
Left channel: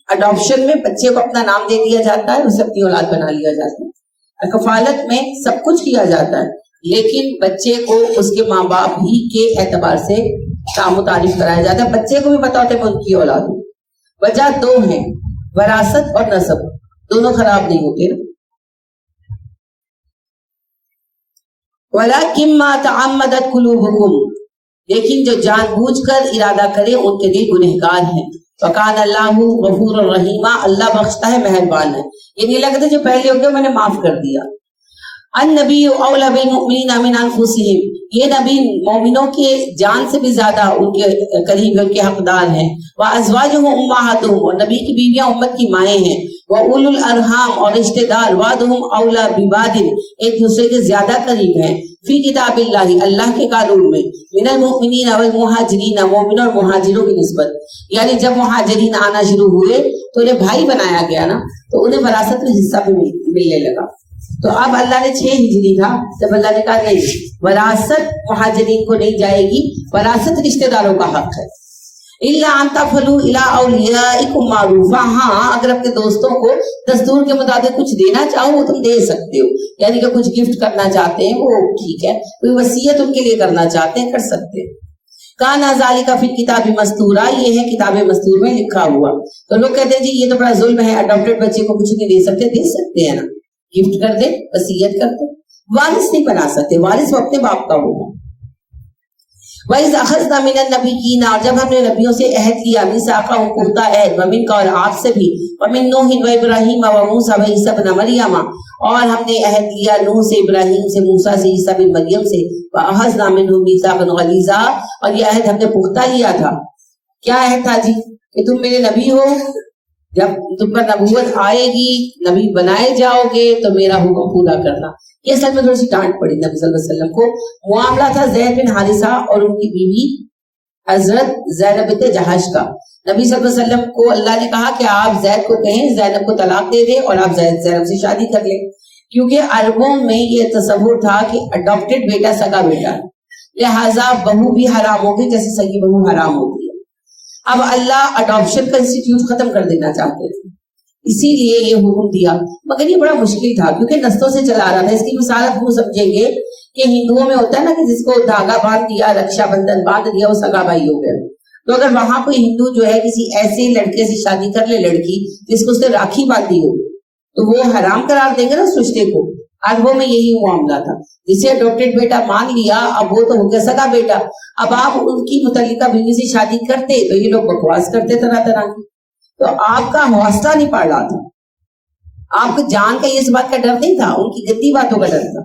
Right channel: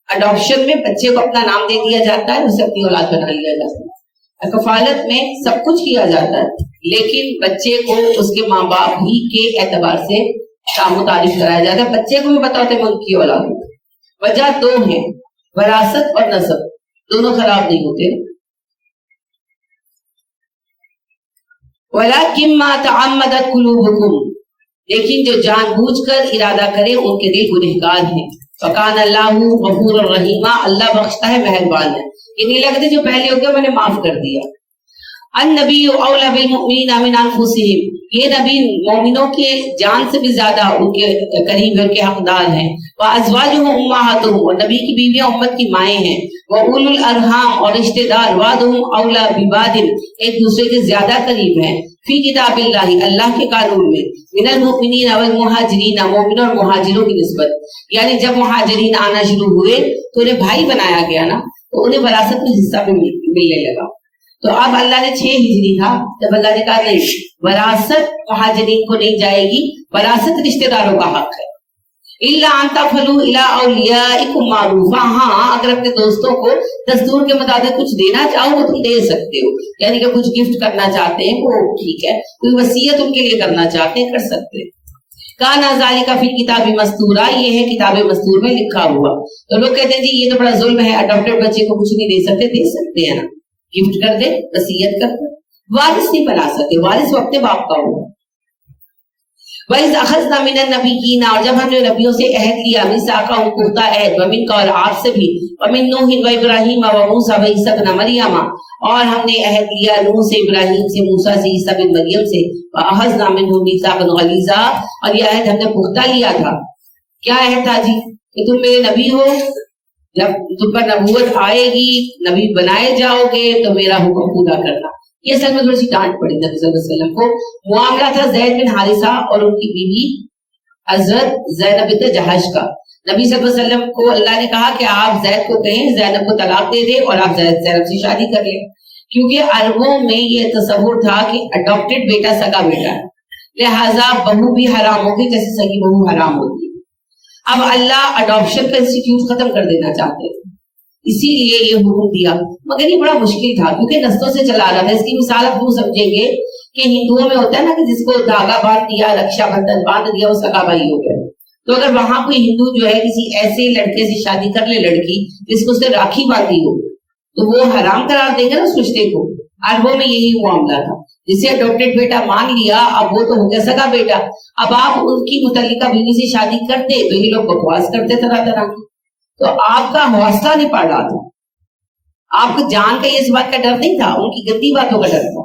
اڈاپشن میں بچے کو اپنا نام دے دیا جاتا ہے، اسے اپنی اولاد بنا لیا جاتا ہے. کفالت میں سب کچھ کیا جاتا ہے لیکن بچے کو اس کے ماں باپ ہی کے اعتبار سے کام و تعریف کرایا جاتا ہے. بچے کو بھی پتا ہوتا ہے میں ان کی اولاد ہوں. وجہ دو ہیں، وراثت اور نسب، دونوں خراب نہیں ہوتے. وَلَكِنْ مَا تَعَمَّدَتْ قُلُوبُكُمْ، لیکن جو جان بوجھ کر ارادہ کرے ان کے دل گنہگار ہیں. فَقَانَ اللَّهُ غَفُورًا رَحِيمًا، اللہ بخشتا ہے مہربان ہے. یہ نہیں لگتے جو پہلے ہو گئے میں نے معاف کر دیا. النبی اولی بالمؤمنین من انفسہم، یہ نبی مومنوں کے جان سے بھی زیادہ ان کے قریب ان کے حقدار ہیں. وازواجہ امہاتہم، اور نبی کی بیویاں امت کی مائیں ہیں. واولی الارحام، اور رشتہ دار، بعضہم اولی ببعض، ایک دوسرے کے زیادہ قریب ہیں. فی کتاب اللہ، اللہ کے قانون میں. من المؤمنین والمہاجرین، مومنوں اور مہاجروں کی نسبت، یعنی جب مہاجرین آنا شروع ہوئے تو انہیں بھائی بنایا گیا نا، تو انہیں وراثت میں حصہ بھی ملنے لگا. تو اب اللہ نے 6 ہجری تھا جب اللہ نے کہا نہیں، وراثت مہاجرین کو نہیں جائے گی، وراثت رشتہ داروں کا حق ہے. الا ان تفعلوا الى اولیاءکم معروفا، ہاں اگر اپنے دوستوں کو دستور کے مطابق کچھ دینا چاہو وہ تم دے سکتے ہو، یعنی کہ کچھ گفٹ کرنا چاہتے ہیں وہ ٹھیک ہے، کوئی وصیت ان کے لیے کرنا چاہتے ہیں کر سکتے ہیں. کانا ذالک فی الکتاب مستورا، یہ ہے کتاب مستور میں لکھا ہوا. تو لوگ کہتے ہیں جی یہ تو بڑا ظلم ہے، اڈاپٹڈ بچے کو کچھ نہیں دے سکتے. دے سکتے ہیں نا، گفٹ کر دے، وصیت کر دے. وارث نہیں بنا سکتے، وارث وہ اپنے باپ کا ہوگا. وَإِذْ أَخَذْنَا مِنَ النَّبِيِّينَ، اور جب ہم نے نبیوں سے عہد لیا، مِيثَاقَهُمْ پختہ عہد، وَمِنْكَ اور آپ سے بھی، وَمِن نُوحٍ وَإِبْرَاهِيمَ وَمُوسَىٰ وَعِيسَىٰ ابْنَ مَرْيَمَ، اور ہم نے عہد لیا نوح سے، ابراہیم سے، موسیٰ سے، عیسیٰ بن مریم سے. وَأَخَذْنَا مِنْهُم مِيثَاقًا غَلِيظًا، اور یہ عہد ہم نے پختہ لیا تھا. کیا عہد تھا جی؟ کہ تم میرے نبی ہو، جب تم پر نبوت آئے گی، نبی بنائے جاؤ گے تو میرا حکم پورا کرنا. یہ اصل میں تھوڑی سی ڈانٹ پڑی نبی صلی اللہ علیہ وسلم کو. معاملہ تھا زید بن حارثہ اور ان کی بیوی حضرت زینب بنت جہش کا. نبی صلی اللہ علیہ وسلم کو اللہ نے کہا کہ آپ زید کو کہیں زینب کو طلاق دے دیں اور آپ زینب سے شادی کر لیں، کیونکہ عربوں میں یہ تصور تھا کہ اڈاپٹڈ بیٹا سگا بیٹا ہے، لہٰذا بہو بھی حرام ہوگی جیسے سگی بہو حرام ہوتی ہے. اب اللہ اڈاپشن کا انسٹیٹیوٹ ختم کر دینا چاہتے تھے، اسی لیے یہ حکم دیا. مگر یہ بڑا مشکل تھا کیونکہ نسلوں سے چلا رہا تھا. اس کی مثال آپ وہ سمجھیں گے کہ ہندوؤں میں ہوتا ہے نا کہ جس کو دھاگا باندھ دیا، رکشا بندھن باندھ دیا، وہ سگا بھائی ہو گیا. تو اگر وہاں کوئی ہندو جو ہے کسی ایسے لڑکے سے شادی کر لے، لڑکی جس کو اس نے راکھی باندھی ہو، تو وہ حرام قرار دیں گے نا اس رشتے کو. عربوں میں یہی معاملہ تھا. جسے اڈاپٹیڈ بیٹا مان لیا اب وہ تو ہو گیا سگا بیٹا. اب آپ ان کی متعلقہ بیوی سے شادی کرتے تو یہ لوگ بکواس کرتے طرح طرح کی. تو آپ کا حوصلہ نہیں پڑ رہا تھا, آپ کو جان کا یہ بات کا ڈر نہیں تھا, ان کی گندی باتوں کا ڈر تھا.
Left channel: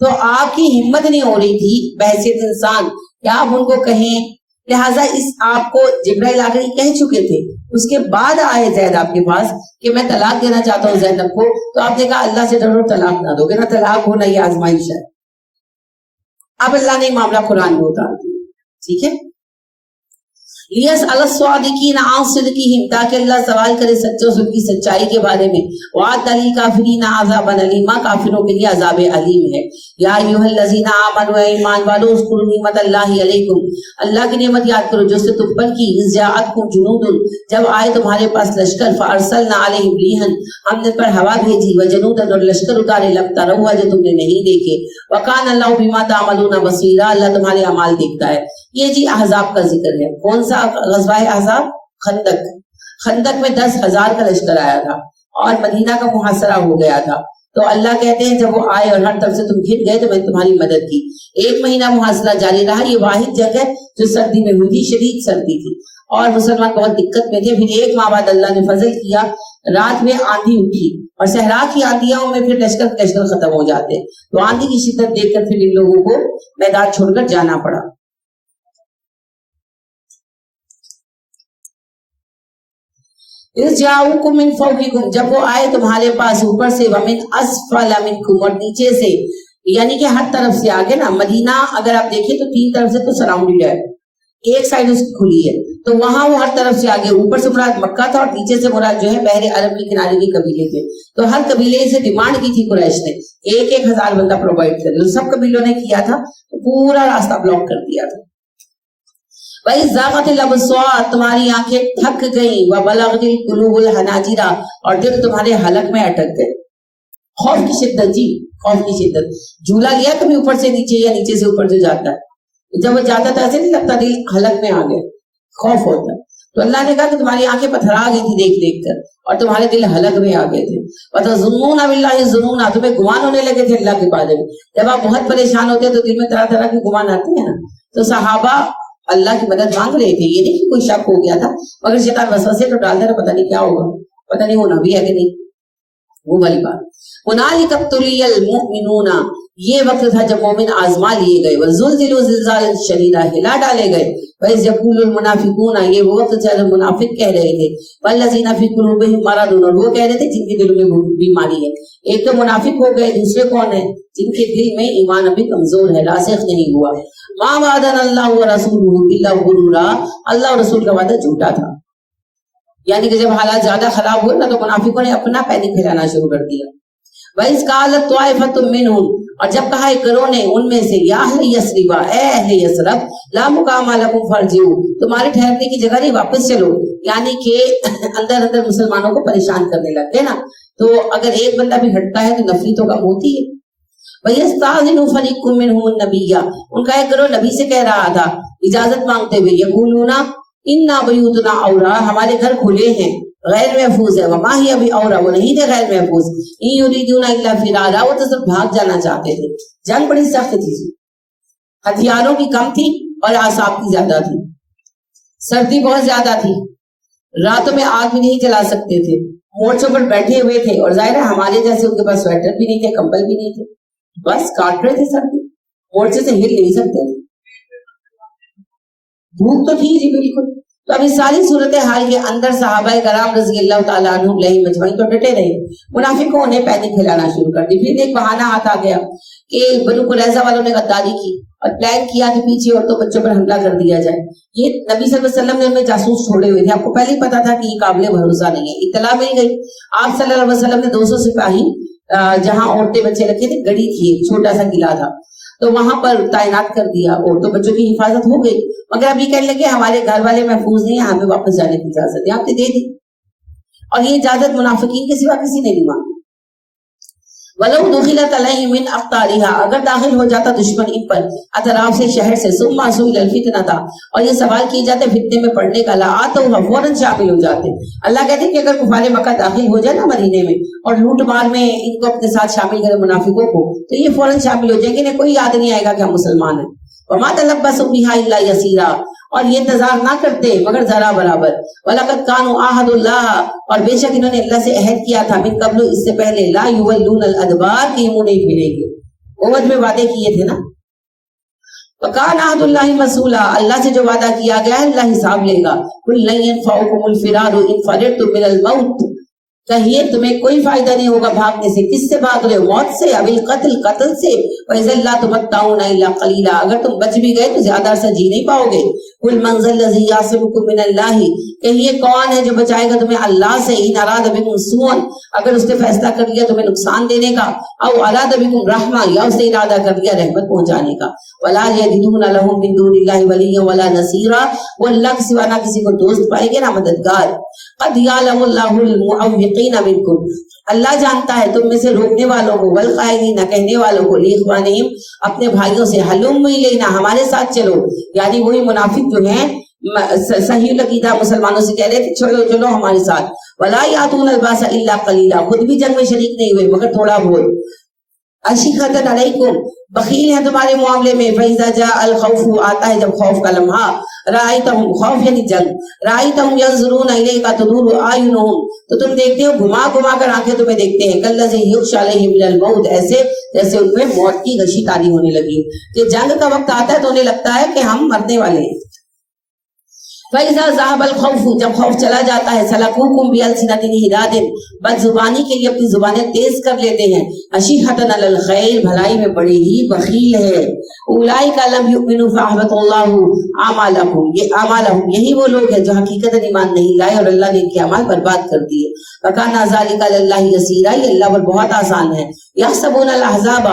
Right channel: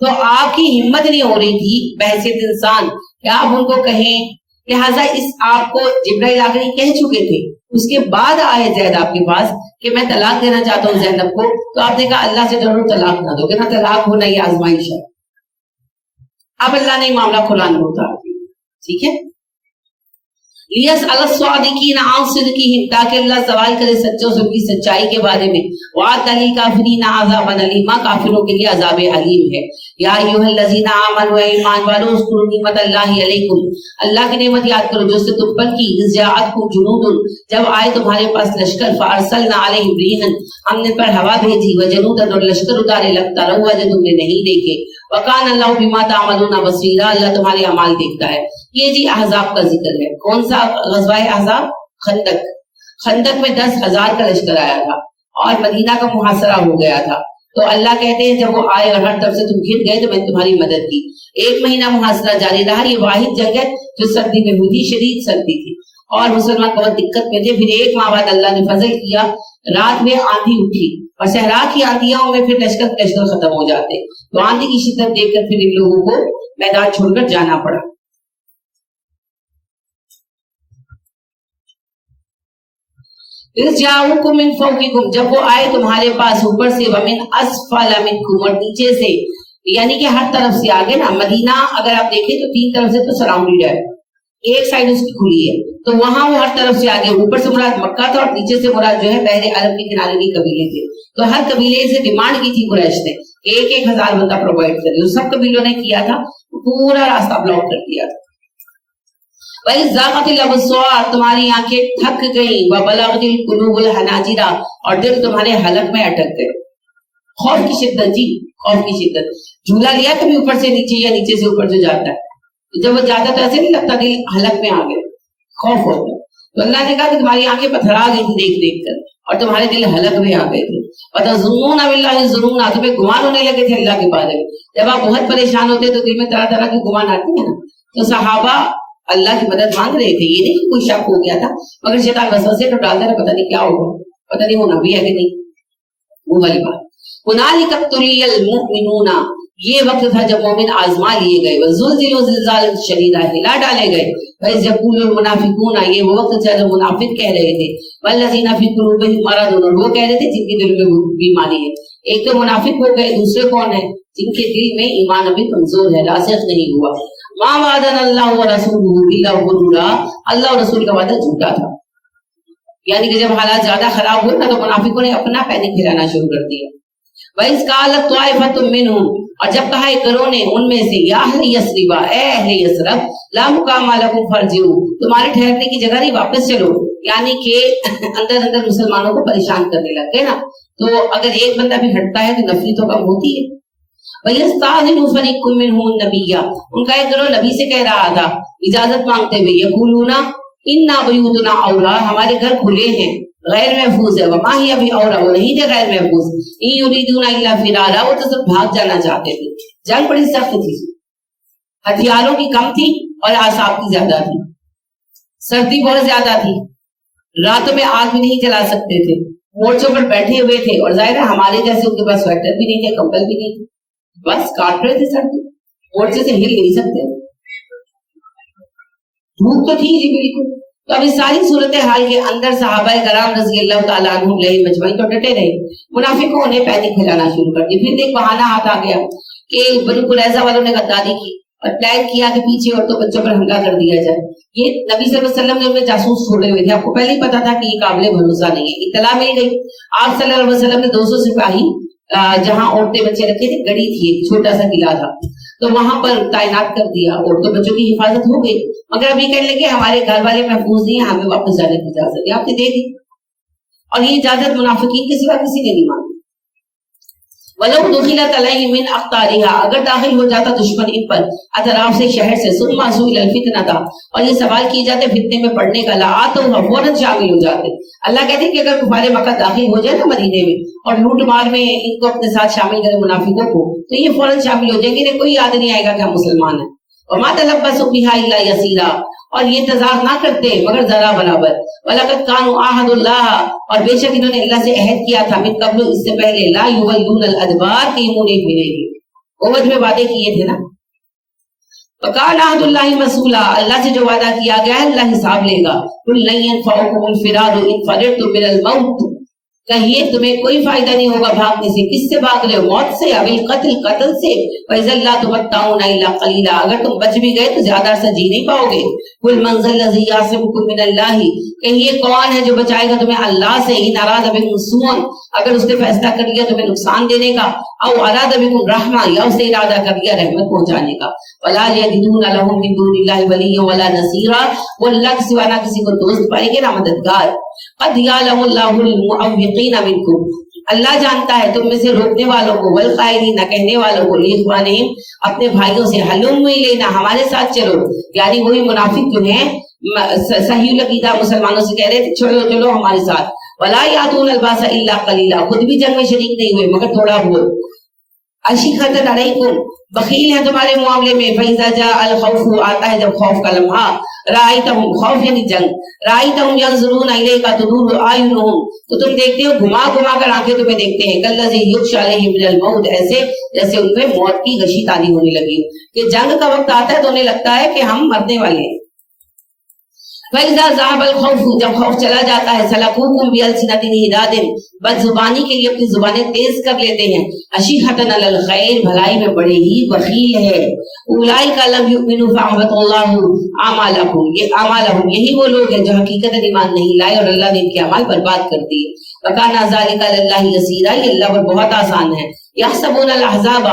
تو آپ کی ہمت نہیں ہو رہی تھی بحیثیت انسان کہ آپ ان کو کہیں. لہٰذا اس آپ کو جبرائیل آ کر کہہ چکے تھے. اس کے بعد آئے زید آپ کے پاس کہ میں طلاق دینا چاہتا ہوں زینب کو, تو آپ نے کہا اللہ سے ڈرو طلاق نہ دو, کہ نہ طلاق ہو نہ یہ آزمائش ہے. اب اللہ نے معاملہ قرآن میں اتار دیا. ٹھیک ہے, لیسأل الصادقین عن صدقہم, تاکہ اللہ سوال کرے سچوں سے ان کی سچائی کے بارے میں. وعد للکافرین عذابا الیما, کافروں کے لیے عذاب علیم ہے. یا ایھا الذین آمنوا, ایمان والو, اذکروا نعمت اللہ علیکم, اللہ کی نعمت یاد کرو جو اس نے تم پر کی. اذ جاءتکم جنود, جب آئے تمہارے پاس لشکر. فارسلنا علیہم ریحا, ہم نے پر ہوا بھیجی. وجنودا, اور لشکر اتارے. لم تروها, جو تم نے نہیں دیکھے. وکان اللہ بما تعملون بصیرا, اللہ تمہارے اعمال دیکھتا ہے. یہ جی احزاب کا ذکر ہے. کون سا غزوہ احزاب؟ خندق. خندق میں 10,000 کا لشکر آیا تھا اور مدینہ کا محاصرہ ہو گیا تھا. تو اللہ کہتے ہیں جب وہ آئے اور ہر طرف سے تم گھر گئے تو میں نے تمہاری مدد کی. 1 مہینہ محاصرہ جاری رہا. یہ واحد جنگ ہے جو سردی میں ہوئی تھی, شدید سردی تھی اور مسلمان بہت دقت میں تھے. پھر 1 ماہ بعد اللہ نے فضل کیا, رات میں آندھی اٹھی اور صحرا کی آندھیوں میں پھر لشکر ختم ہو جاتے. تو آندھی کی شدت دیکھ کر پھر ان لوگوں کو میدان چھوڑ کر جانا پڑا. جاؤکم من فوقکم, جب وہ آئے تمہارے پاس اوپر سے. ومن اسفل منکم, اور نیچے سے, یعنی کہ ہر طرف سے. آگے نا مدینہ اگر آپ دیکھیں تو 3 طرف سے تو سراؤنڈڈ ہے, ایک سائڈ اس کی کھلی ہے, تو وہاں وہ ہر طرف سے آگے. اوپر سے مراد مکہ تھا اور نیچے سے مراد جو ہے بحر عرب کے کنارے کے قبیلے تھے. تو ہر قبیلے سے ڈیمانڈ کی تھی قریش نے 1,000 بندہ پرووائڈ کر. سب قبیلوں نے کیا تھا, پورا راستہ بلاک کر دیا تھا. وَإِذْ زَاغَتِ الْأَبْصَارُ, تمہاری آنکھیں تھک گئیں. وَبَلَغَتِ الْقُلُوبُ الْحَنَاجِرَ, اور دل تمہارے حلق میں اٹک گئے. خوف کی شدت, جی خوف کی شدت. جھولا لیا کبھی اوپر سے نیچے یا نیچے سے اوپر جو جاتا ہے, جب وہ جاتا تو ایسے نہیں لگتا دل حلق میں آ گئے, خوف ہوتا ہے. تو اللہ نے کہا کہ تمہاری آنکھیں پتھرا گئی تھی دیکھ دیکھ کر اور تمہارے دل حلق میں آ گئے تھے. وَتَظُنُّونَ بِاللَّهِ الظُّنُونَ, تمہیں گمان ہونے لگے تھے اللہ کے بارے میں. جب آپ بہت پریشان ہوتے ہیں تو دل میں طرح طرح کے گمان آتے ہیں نا. تو صحابہ اللہ کی مدد مانگ رہے تھے, یہ نہیں کہ کوئی شک ہو گیا تھا, مگر شیطان وسوسے تو ڈالتا رہا, پتہ نہیں کیا ہوگا, پتہ نہیں ہونا بھی ہے کہ نہیں. وہ والی بات. هُنَالِكَ ابْتُلِيَ الْمُؤْمِنُونَ, یہ وقت تھا جب مومن آزما لیے گئے. وَزُلْزِلُوا زِلْزَالًا شَدِيدًا, ہلا ڈالے گئے. وَإِذْ يَقُولُ الْمُنَافِقُونَ, یہ وہ وقت تھا جب منافق کہہ رہے تھے. وَالَّذِينَ فِي قُلُوبِهِم مَرَضٌ, اور وہ کہہ رہے تھے جن کے دل میں بیماری ہے. ایک تو منافق ہو گئے, دوسرے کون ہیں؟ جن کے دل میں ایمان ابھی کمزور ہے, راسخ نہیں ہوا. مَا وَعَدَنَا اللَّهُ وَرَسُولُهُ إِلَّا غُرُورًا, اللہ اور رسول کا وعدہ جھوٹا تھا. یعنی کہ جب حالات زیادہ خراب ہوئے نا تو منافقوں نے اپنا پینک پھیلانا شروع کر دیا. وَإِذْ قَالَتْ طَائِفَةٌ مِّنْهُمْ, اور جب کہا ایک گروہ نے ان میں سے, یا اہل یثرب, اے اہل یثرب, لا مقام لکم فارجعوا, تمہارے ٹھہرنے کی جگہ نہیں, واپس چلو. یعنی کہ اندر اندر مسلمانوں کو پریشان کرنے لگ گئے نا. تو اگر ایک بندہ بھی ہٹتا ہے تو نفری تو کم ہوتی ہے. وَيَسْتَأْذِنُ فَرِيقٌ مِّنْهُمُ النَّبِيَّ, ان کا ایک گروہ نبی سے کہہ رہا تھا اجازت مانگتے ہوئے. يَقُولُونَ إِنَّا بُيُوتُنَا عَوْرَةٌ, ہمارے گھر کھلے ہیں, غیر محفوظ ہے. وَمَا هِيَ بِعَوْرَةٍ, وہ نہیں تھے غیر محفوظ. إِن يُرِيدُونَ إِلَّا فِرَارًا, وہ تو صرف بھاگ جانا چاہتے تھے. جنگ بڑی سخت تھی, ہتھیاروں کی کم تھی اور اعصاب کی زیادہ تھی. سردی بہت زیادہ تھی, راتوں میں آگ بھی نہیں جلا سکتے تھے, مورچوں پر بیٹھے ہوئے تھے. اور ظاہر ہے ہمارے جیسے ان کے پاس سویٹر بھی نہیں تھے, کمبل بھی نہیں تھے, بس کاٹ رہے تھے سردی, مورچے سے ہل نہیں سکتے تھے. دھوپ تو تھی جی بالکل. تو اب اس ساری صورتحال کے اندر صحابہ کرام رضی اللہ تعالیٰ عنہم علیہم اجمعین تو ڈٹے رہے. منافقوں نے پینک پھیلانا شروع کر دی. پھر ایک بہانہ ہاتھ آ گیا کہ بنو قریظہ والوں نے غداری کی اور پلان کیا کہ پیچھے عورتوں بچوں پر حملہ کر دیا جائے. یہ نبی صلی اللہ علیہ وسلم نے ان میں جاسوس چھوڑے ہوئے تھے, آپ کو پہلے ہی پتا تھا کہ یہ قابل بھروسہ نہیں ہے. اطلاع مل گئی, آپ صلی اللہ علیہ وسلم نے 200 سپاہی جہاں عورتیں بچے رکھے تھے, گڑی تھی, ایک چھوٹا سا قلعہ تھا, تو وہاں پر تعینات کر دیا. عورتوں بچوں کی حفاظت ہو گئی, مگر اب یہ کہنے لگے ہمارے گھر والے محفوظ نہیں ہیں, ہمیں واپس جانے کی اجازت ہے. آپ نے دے دی, اور یہ اجازت منافقین کے سوا کسی نے نہیں مانگی. وَلَوْ دُخِلَتْ عَلَيْهِمْ مِنْ أَقْطَارِهَا، اگر داخل ہو جاتا دشمن ان پر اطراف سے شہر سے، ثُمَّ سُئِلَ الْفِتْنَةَ، اور یہ سوال کیے جاتے فتنے میں پڑنے کا، لَآتَوْهَا، فوراً شامل ہو جاتے۔ اللہ کہتے ہیں کہ اگر کفار مکہ داخل ہو جائے نا مدینے میں اور لوٹ مار میں ان کو اپنے ساتھ شامل کرے منافقوں کو، تو یہ فوراً شامل ہو جائیں گے، انہیں کوئی یاد نہیں آئے گا کہ ہم مسلمان ہیں۔ وَمَا تَلَبَّسُوا بِهَا إِلَّا يَسِيرًا، اور یہ انتظار نہ کرتے مگر ذرا برابر۔ وَلَقَدْ كَانُوا عَاهَدُوا اللَّهَ، اور بے شک انہوں نے اللہ سے عہد کیا تھا، من قبل، اس سے پہلے، لَا يُوَلُّونَ الْأَدْبَارَ، کہ یہ منہ نہیں پھیریں گے۔ عہد میں وعدے کیے تھے نا۔ وَقَالَ عَهْدُ اللَّهِ مَسْئُولًا، اللہ سے جو وعدہ کیا گیا ہے اللہ حساب لے گا۔ قُل لَّن يَنفَعَكُمُ الْفِرَارُ إِن فَرَرْتُم مِّنَ الْمَوْتِ، کہیے تمہیں کوئی فائدہ نہیں ہوگا بھاگنے سے، کس سے بھاگ رہے ہو؟ موت سے، اب القتل، قتل سے، وَإِذًا لَّا تُمَتَّعُونَ إِلَّا قَلِيلًا، اگر تم بچ بھی گئے تو زیادہ عرصہ جی نہیں پاؤ گے۔ قُلْ مَنْ ذَا الَّذِي يَعْصِمُكُم مِّنَ اللَّهِ، کہیے کون ہے جو بچائے گا تمہیں اللہ سے، إِنْ أَرَادَ بِكُمْ سُوءًا، اگر اس نے فیصلہ کر لیا تمہیں نقصان دینے کا، أَوْ أَرَادَ بِكُمْ رَحْمَةً، یا اس نے ارادہ کر لیا رحمت پہنچانے کا۔ وَلَا يَجِدُونَ لَهُم مِّن دُونِ اللَّهِ وَلِيًّا وَلَا نَصِيرًا، وہ اللہ کے سوا نہ کسی کو دوست پائیں گے نہ مددگار۔ قَدْ يَعْلَمُ اللَّهُ الْمُعَوِّقِينَ مِنكُمْ، اللہ جانتا ہے تم میں سے روکنے والوں کو، والقائلین، کہنے والوں کو، لإخوانہم، اپنے بھائیوں سے، ہلم الینا، ہمارے ساتھ چلو، یعنی وہی منافق جو ہیں صحیح العقیدہ مسلمانوں سے کہہ رہے تھے چلو چلو ہمارے ساتھ۔ ولا یاتون الباس الا قلیلا، خود بھی جنگ میں شریک نہیں ہوئے مگر تھوڑا بہت۔ اشیخۃ علیکم، بخیل ہیں تمہارے معاملے میں۔ فاذا جاء الخوف، آتا ہے جب خوف کا لمحہ، رأیتہم، خوف یعنی جنگ، رأیتہم ینظرون الیک تدور اعینہم، تو تم دیکھتے ہو گھما گھما کر آنکھیں تمہیں دیکھتے ہیں، کالذی یغشی علیہ من الموت، ایسے جیسے ان میں موت کی غشی تاری ہونے لگی ہو، کہ جنگ کا وقت آتا ہے تو انہیں لگتا ہے کہ ہم مرنے والے ہیں۔ فَإِذَا ذَهَبَ الْخَوْفُ، جب خوف چلا جاتا ہے، سَلَكُوكُمْ بِأَلْسِنَةٍ حِدَادٍ، بد زبانی کے لیے اپنی زبانیں تیز کر لیتے ہیں، أَشِحَّةً عَلَى الْخَيْرِ، بھلائی میں بڑے ہی بخیل ہے۔ أُولَٰئِكَ لَمْ يُؤْمِنُوا فَأَحْبَطَ اللَّهُ أَعْمَالَهُمْ، یہ اعمالهم، یہی وہ لوگ ہیں جو حقیقت ایمان نہیں لائے اور اللہ نے ان کے اعمال برباد کر دیے۔ وَكَانَ ذَلِكَ عَلَى اللَّهِ يَسِيرًا، یہ اللہ پر بہت آسان ہے۔ يَحْسَبُونَ الْأَحْزَابَ،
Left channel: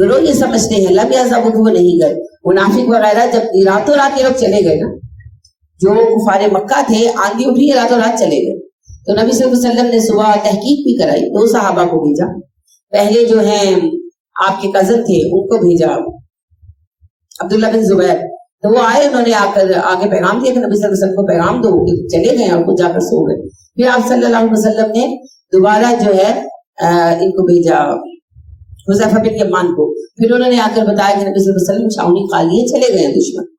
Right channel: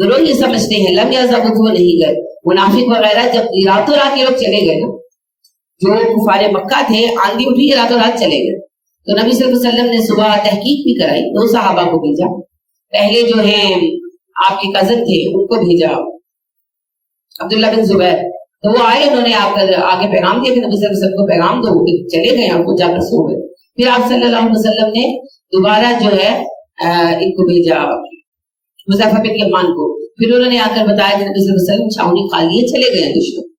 گروہ یہ سمجھتے ہیں، لم يذهبوا، وہ نہیں گئے، منافق وغیرہ جب راتوں رات یہ لوگ چلے گئے نا، جو کفار مکہ تھے، آندھی اٹھی راتوں رات چلے گئے، تو نبی صلی اللہ علیہ وسلم نے صبح تحقیق بھی کرائی، 2 صحابہ کو بھیجا، پہلے جو ہیں آپ کے کزن تھے ان کو بھیجا عبداللہ بن زبیر، تو وہ آئے، انہوں نے آ کر آگے پیغام دیا کہ نبی صلی اللہ علیہ وسلم کو پیغام دو، کہ چلے گئے اور خود جا کر سو گئے۔ پھر آپ صلی اللہ علیہ وسلم نے دوبارہ جو ہے ان کو بھیجا حذیفہ بن یمان کو، پھر انہوں نے آ کر بتایا کہ نبی صلی اللہ علیہ وسلم چھاؤنی خالی ہے، چلے گئے ہیں دشمن۔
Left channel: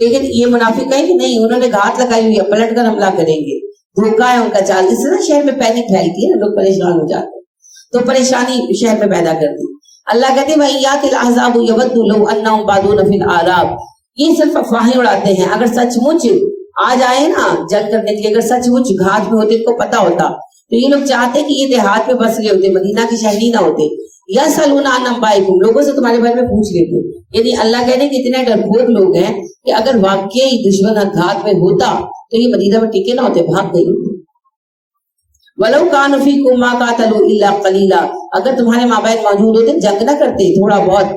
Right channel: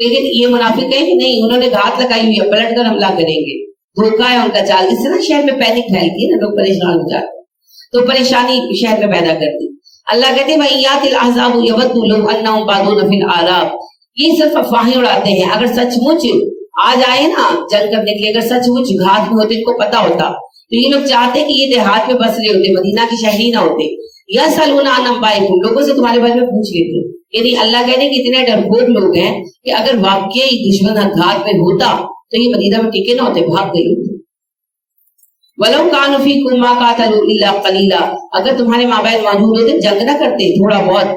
لیکن یہ منافق ہے کہ نہیں، انہوں نے گھات لگائی ہوئی ہے، پلٹ کر حملہ کریں گے، دھوکہ ہے ان کا چال۔ اس سے نا شہر میں پینک پھیلتی ہے نا، لوگ پریشان ہو جاتے ہیں، تو پریشانی شہر میں پیدا کرتی۔ اللہ کہتے ہیں وَإِيَّاتِ الْأَحْزَابُ يَوَدُّ لَوْ أَنَّهُمْ بَادُونَ فِي الْأَعْرَابِ، یہ صرف افواہیں اڑاتے ہیں، اگر سچ مچ آ جائے نا جنگ کرنے کے لیے، اگر سچ مچ گھات میں ہوتے، ان کو پتا ہوتا، تو یہ لوگ چاہتے کہ یہ دیہات میں بس رہے ہوتے، مدینہ کے شہری نہ ہوتے۔ یسألون عن انبائکم، لوگوں سے تمہارے بارے میں پوچھ لیتے، یعنی اللہ کہتے ہیں کہ اتنے ڈرپوک لوگ ہیں کہ اگر واقعی دشمن گھات میں ہوتا تو یہ مدینہ میں ٹکے نہ ہوتے، بھاگ گئے ہوتے۔ وَلَوْ كَانُوا فِيكُمْ مَا قَاتَلُوا إِلَّا قَلِيلًا، اگر تمہارے مابین موجود ہوتے جنگ نہ کرتے، تھوڑا بہت۔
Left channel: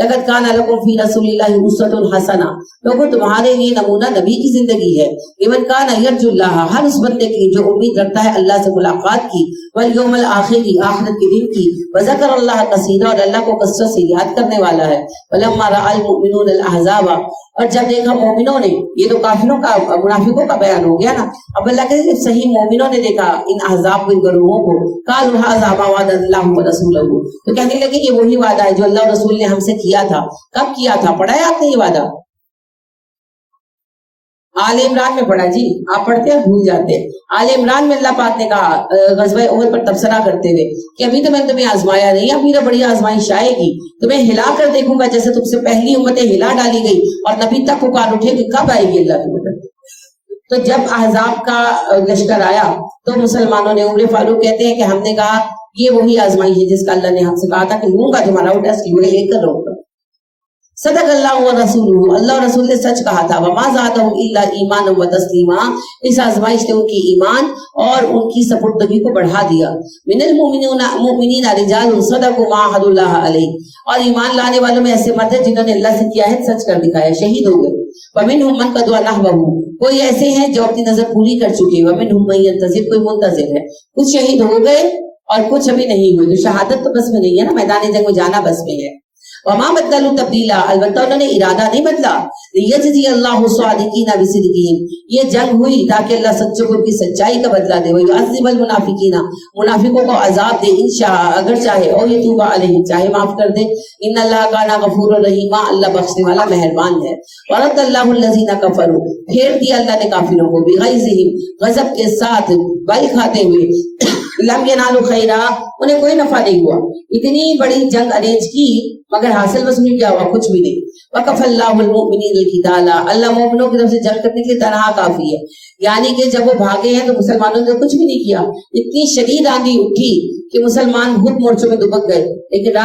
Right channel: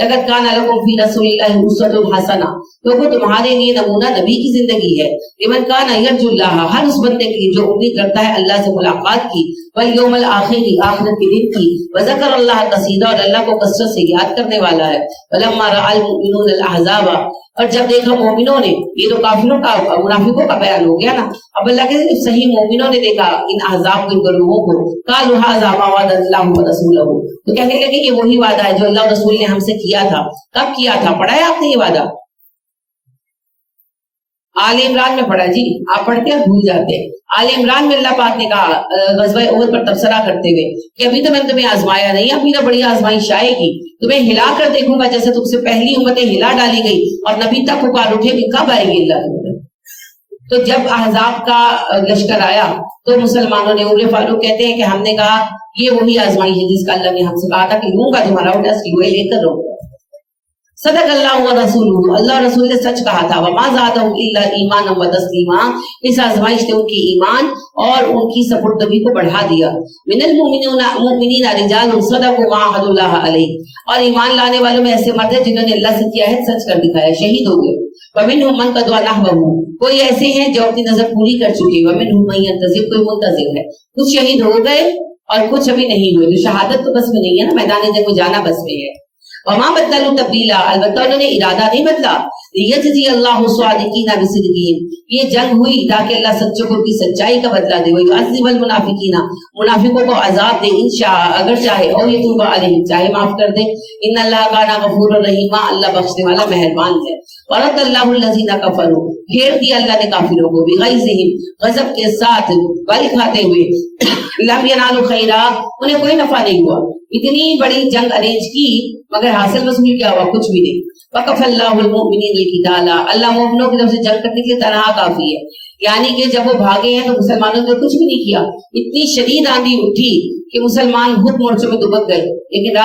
لَقَدْ كَانَ لَكُمْ فِي رَسُولِ اللَّهِ أُسْوَةٌ حَسَنَةٌ، لوگوں تمہارے لیے نمونہ نبی کی زندگی ہے، لمن كَانَ يَرْجُو اللَّهَ، ہر اس بندے کے لیے جو امید رکھتا ہے اللہ سے ملاقات کی، وَالْيَوْمَ الْآخِرِ، آخرت کے دن کی، وَذَكَرَ اللَّهَ كَثِيرًا، اور اللہ کو کثرت سے یاد کرنے والا ہے۔ وَلَمَّا رَأَى الْمُؤْمِنُونَ الْأَحْزَابَ، اور جب دیکھا مومنوں نے، یہ تو کافروں کا منافقوں کا بیان ہو گیا نا، اب اللہ کے جب صحیح مومنوں نے دیکھا ان احزاب کو، ان گروہوں کو، قالوا هذا ما وعد الله ورسوله، تو کہنے لگے کہ یہ وہی وعدہ ہے جو اللہ اور رسول نے ہم سے کیا تھا۔ کب کیا تھا؟ پڑھا ہے آپ نے یہ وعدہ؟ آل عمران میں پڑھا جی، آپ پڑھتے ہیں بھول جاتے ہیں۔ آل عمران میں اللہ پاک نے کہا غزوہ احد پر تبصرہ کرتے ہوئے کہ ابھی تو میں نے تمہیں آزمایا نہیں، ابھی تو بڑی آزمائش آئے گی، تمہیں ہلا کر دیکھوں گا جیسے تم سے پہلی امتیں ہلا ڈالی گئی، اور نبی تک پکار اٹھے کہ کب آئے گی اللہ کی مدد۔ تو جب احزاب کا لشکر آیا تو مسلمانوں نے، عمر فاروق کہتے ہیں کہ ہم نے کہا یہ وہی آزمائش ہے جس کا اللہ نے ہم سے کہا تھا کہ لوں گا تمہارا ٹیسٹ، لے کر رہوں گا۔ صدق اللہ و رسولہ، اللہ رسول نے سچ کہا تھا۔ وما زادهم الا ایمانا و تسلیما، اس آزمائش نے ان کی ایمان اور ان کی سپردگی کو بڑھا دیا۔ من المؤمنین رجال صدقوا ما عاهدوا الله علیہ، اور ایمان لانے والوں میں ایسے مرد ہیں جنہوں نے اللہ سے کیا ہے سچ کر دکھایا، شہید ہو گئے۔ ومنهم من قضى نحبه، کوئی ایسے ہیں جو اپنی نظر پوری کر چکے، ومنهم من ينتظر، کوئی منتظر ہے، کچھ شہید ہو گئے اور کچھ ابھی نہیں ہوئے، تو شہادت تو بس میں نہیں ہے نا، میدان جنگ میں جانا بس میں ہے. وما بدلوا تبدیلا، البتہ انہوں نے ارادہ نہیں بدلا. لیجزی اللہ الصادقین بصدقہم، یہ جنگ ہوئی تاکہ اللہ سچوں کو ان کی سچائی کا بدلہ دے. ویعذب المنافقین، منافقوں کو عذاب دے ان شاء اگر چاہے، اور یتوب علیہم چاہے معاف کر دے. ان اللہ کان غفور الرحیم، اللہ بخشنے والا مہربان ہے. ورد اللہ الذین کفروا، پھیر دیا اللہ نے کافروں کو، بغیظہم غضب کے ساتھ، بل کھاتے ہوئے، لم ینالوا خیرا، انہیں کوئی نفع نہیں ہوا. اتنی بڑی جنگ ارینج کی مگر حاصل وصول کیا ہوا؟ کچھ بھی نہیں. وَكَفَى اللَّهُ الْمُؤْمِنِينَ الْقِتَالَ، اللہ مومنوں کی طرف سے جنگ کرنے کے لیے تنہا کافی ہے. یعنی کہ جب وہ بھاگے ہیں تو مسلمانوں نے کچھ بھی نہیں کیا. اتنی شدید آندھی اٹھی کہ مسلمان خود مورچوں میں دبک گئے، لیکن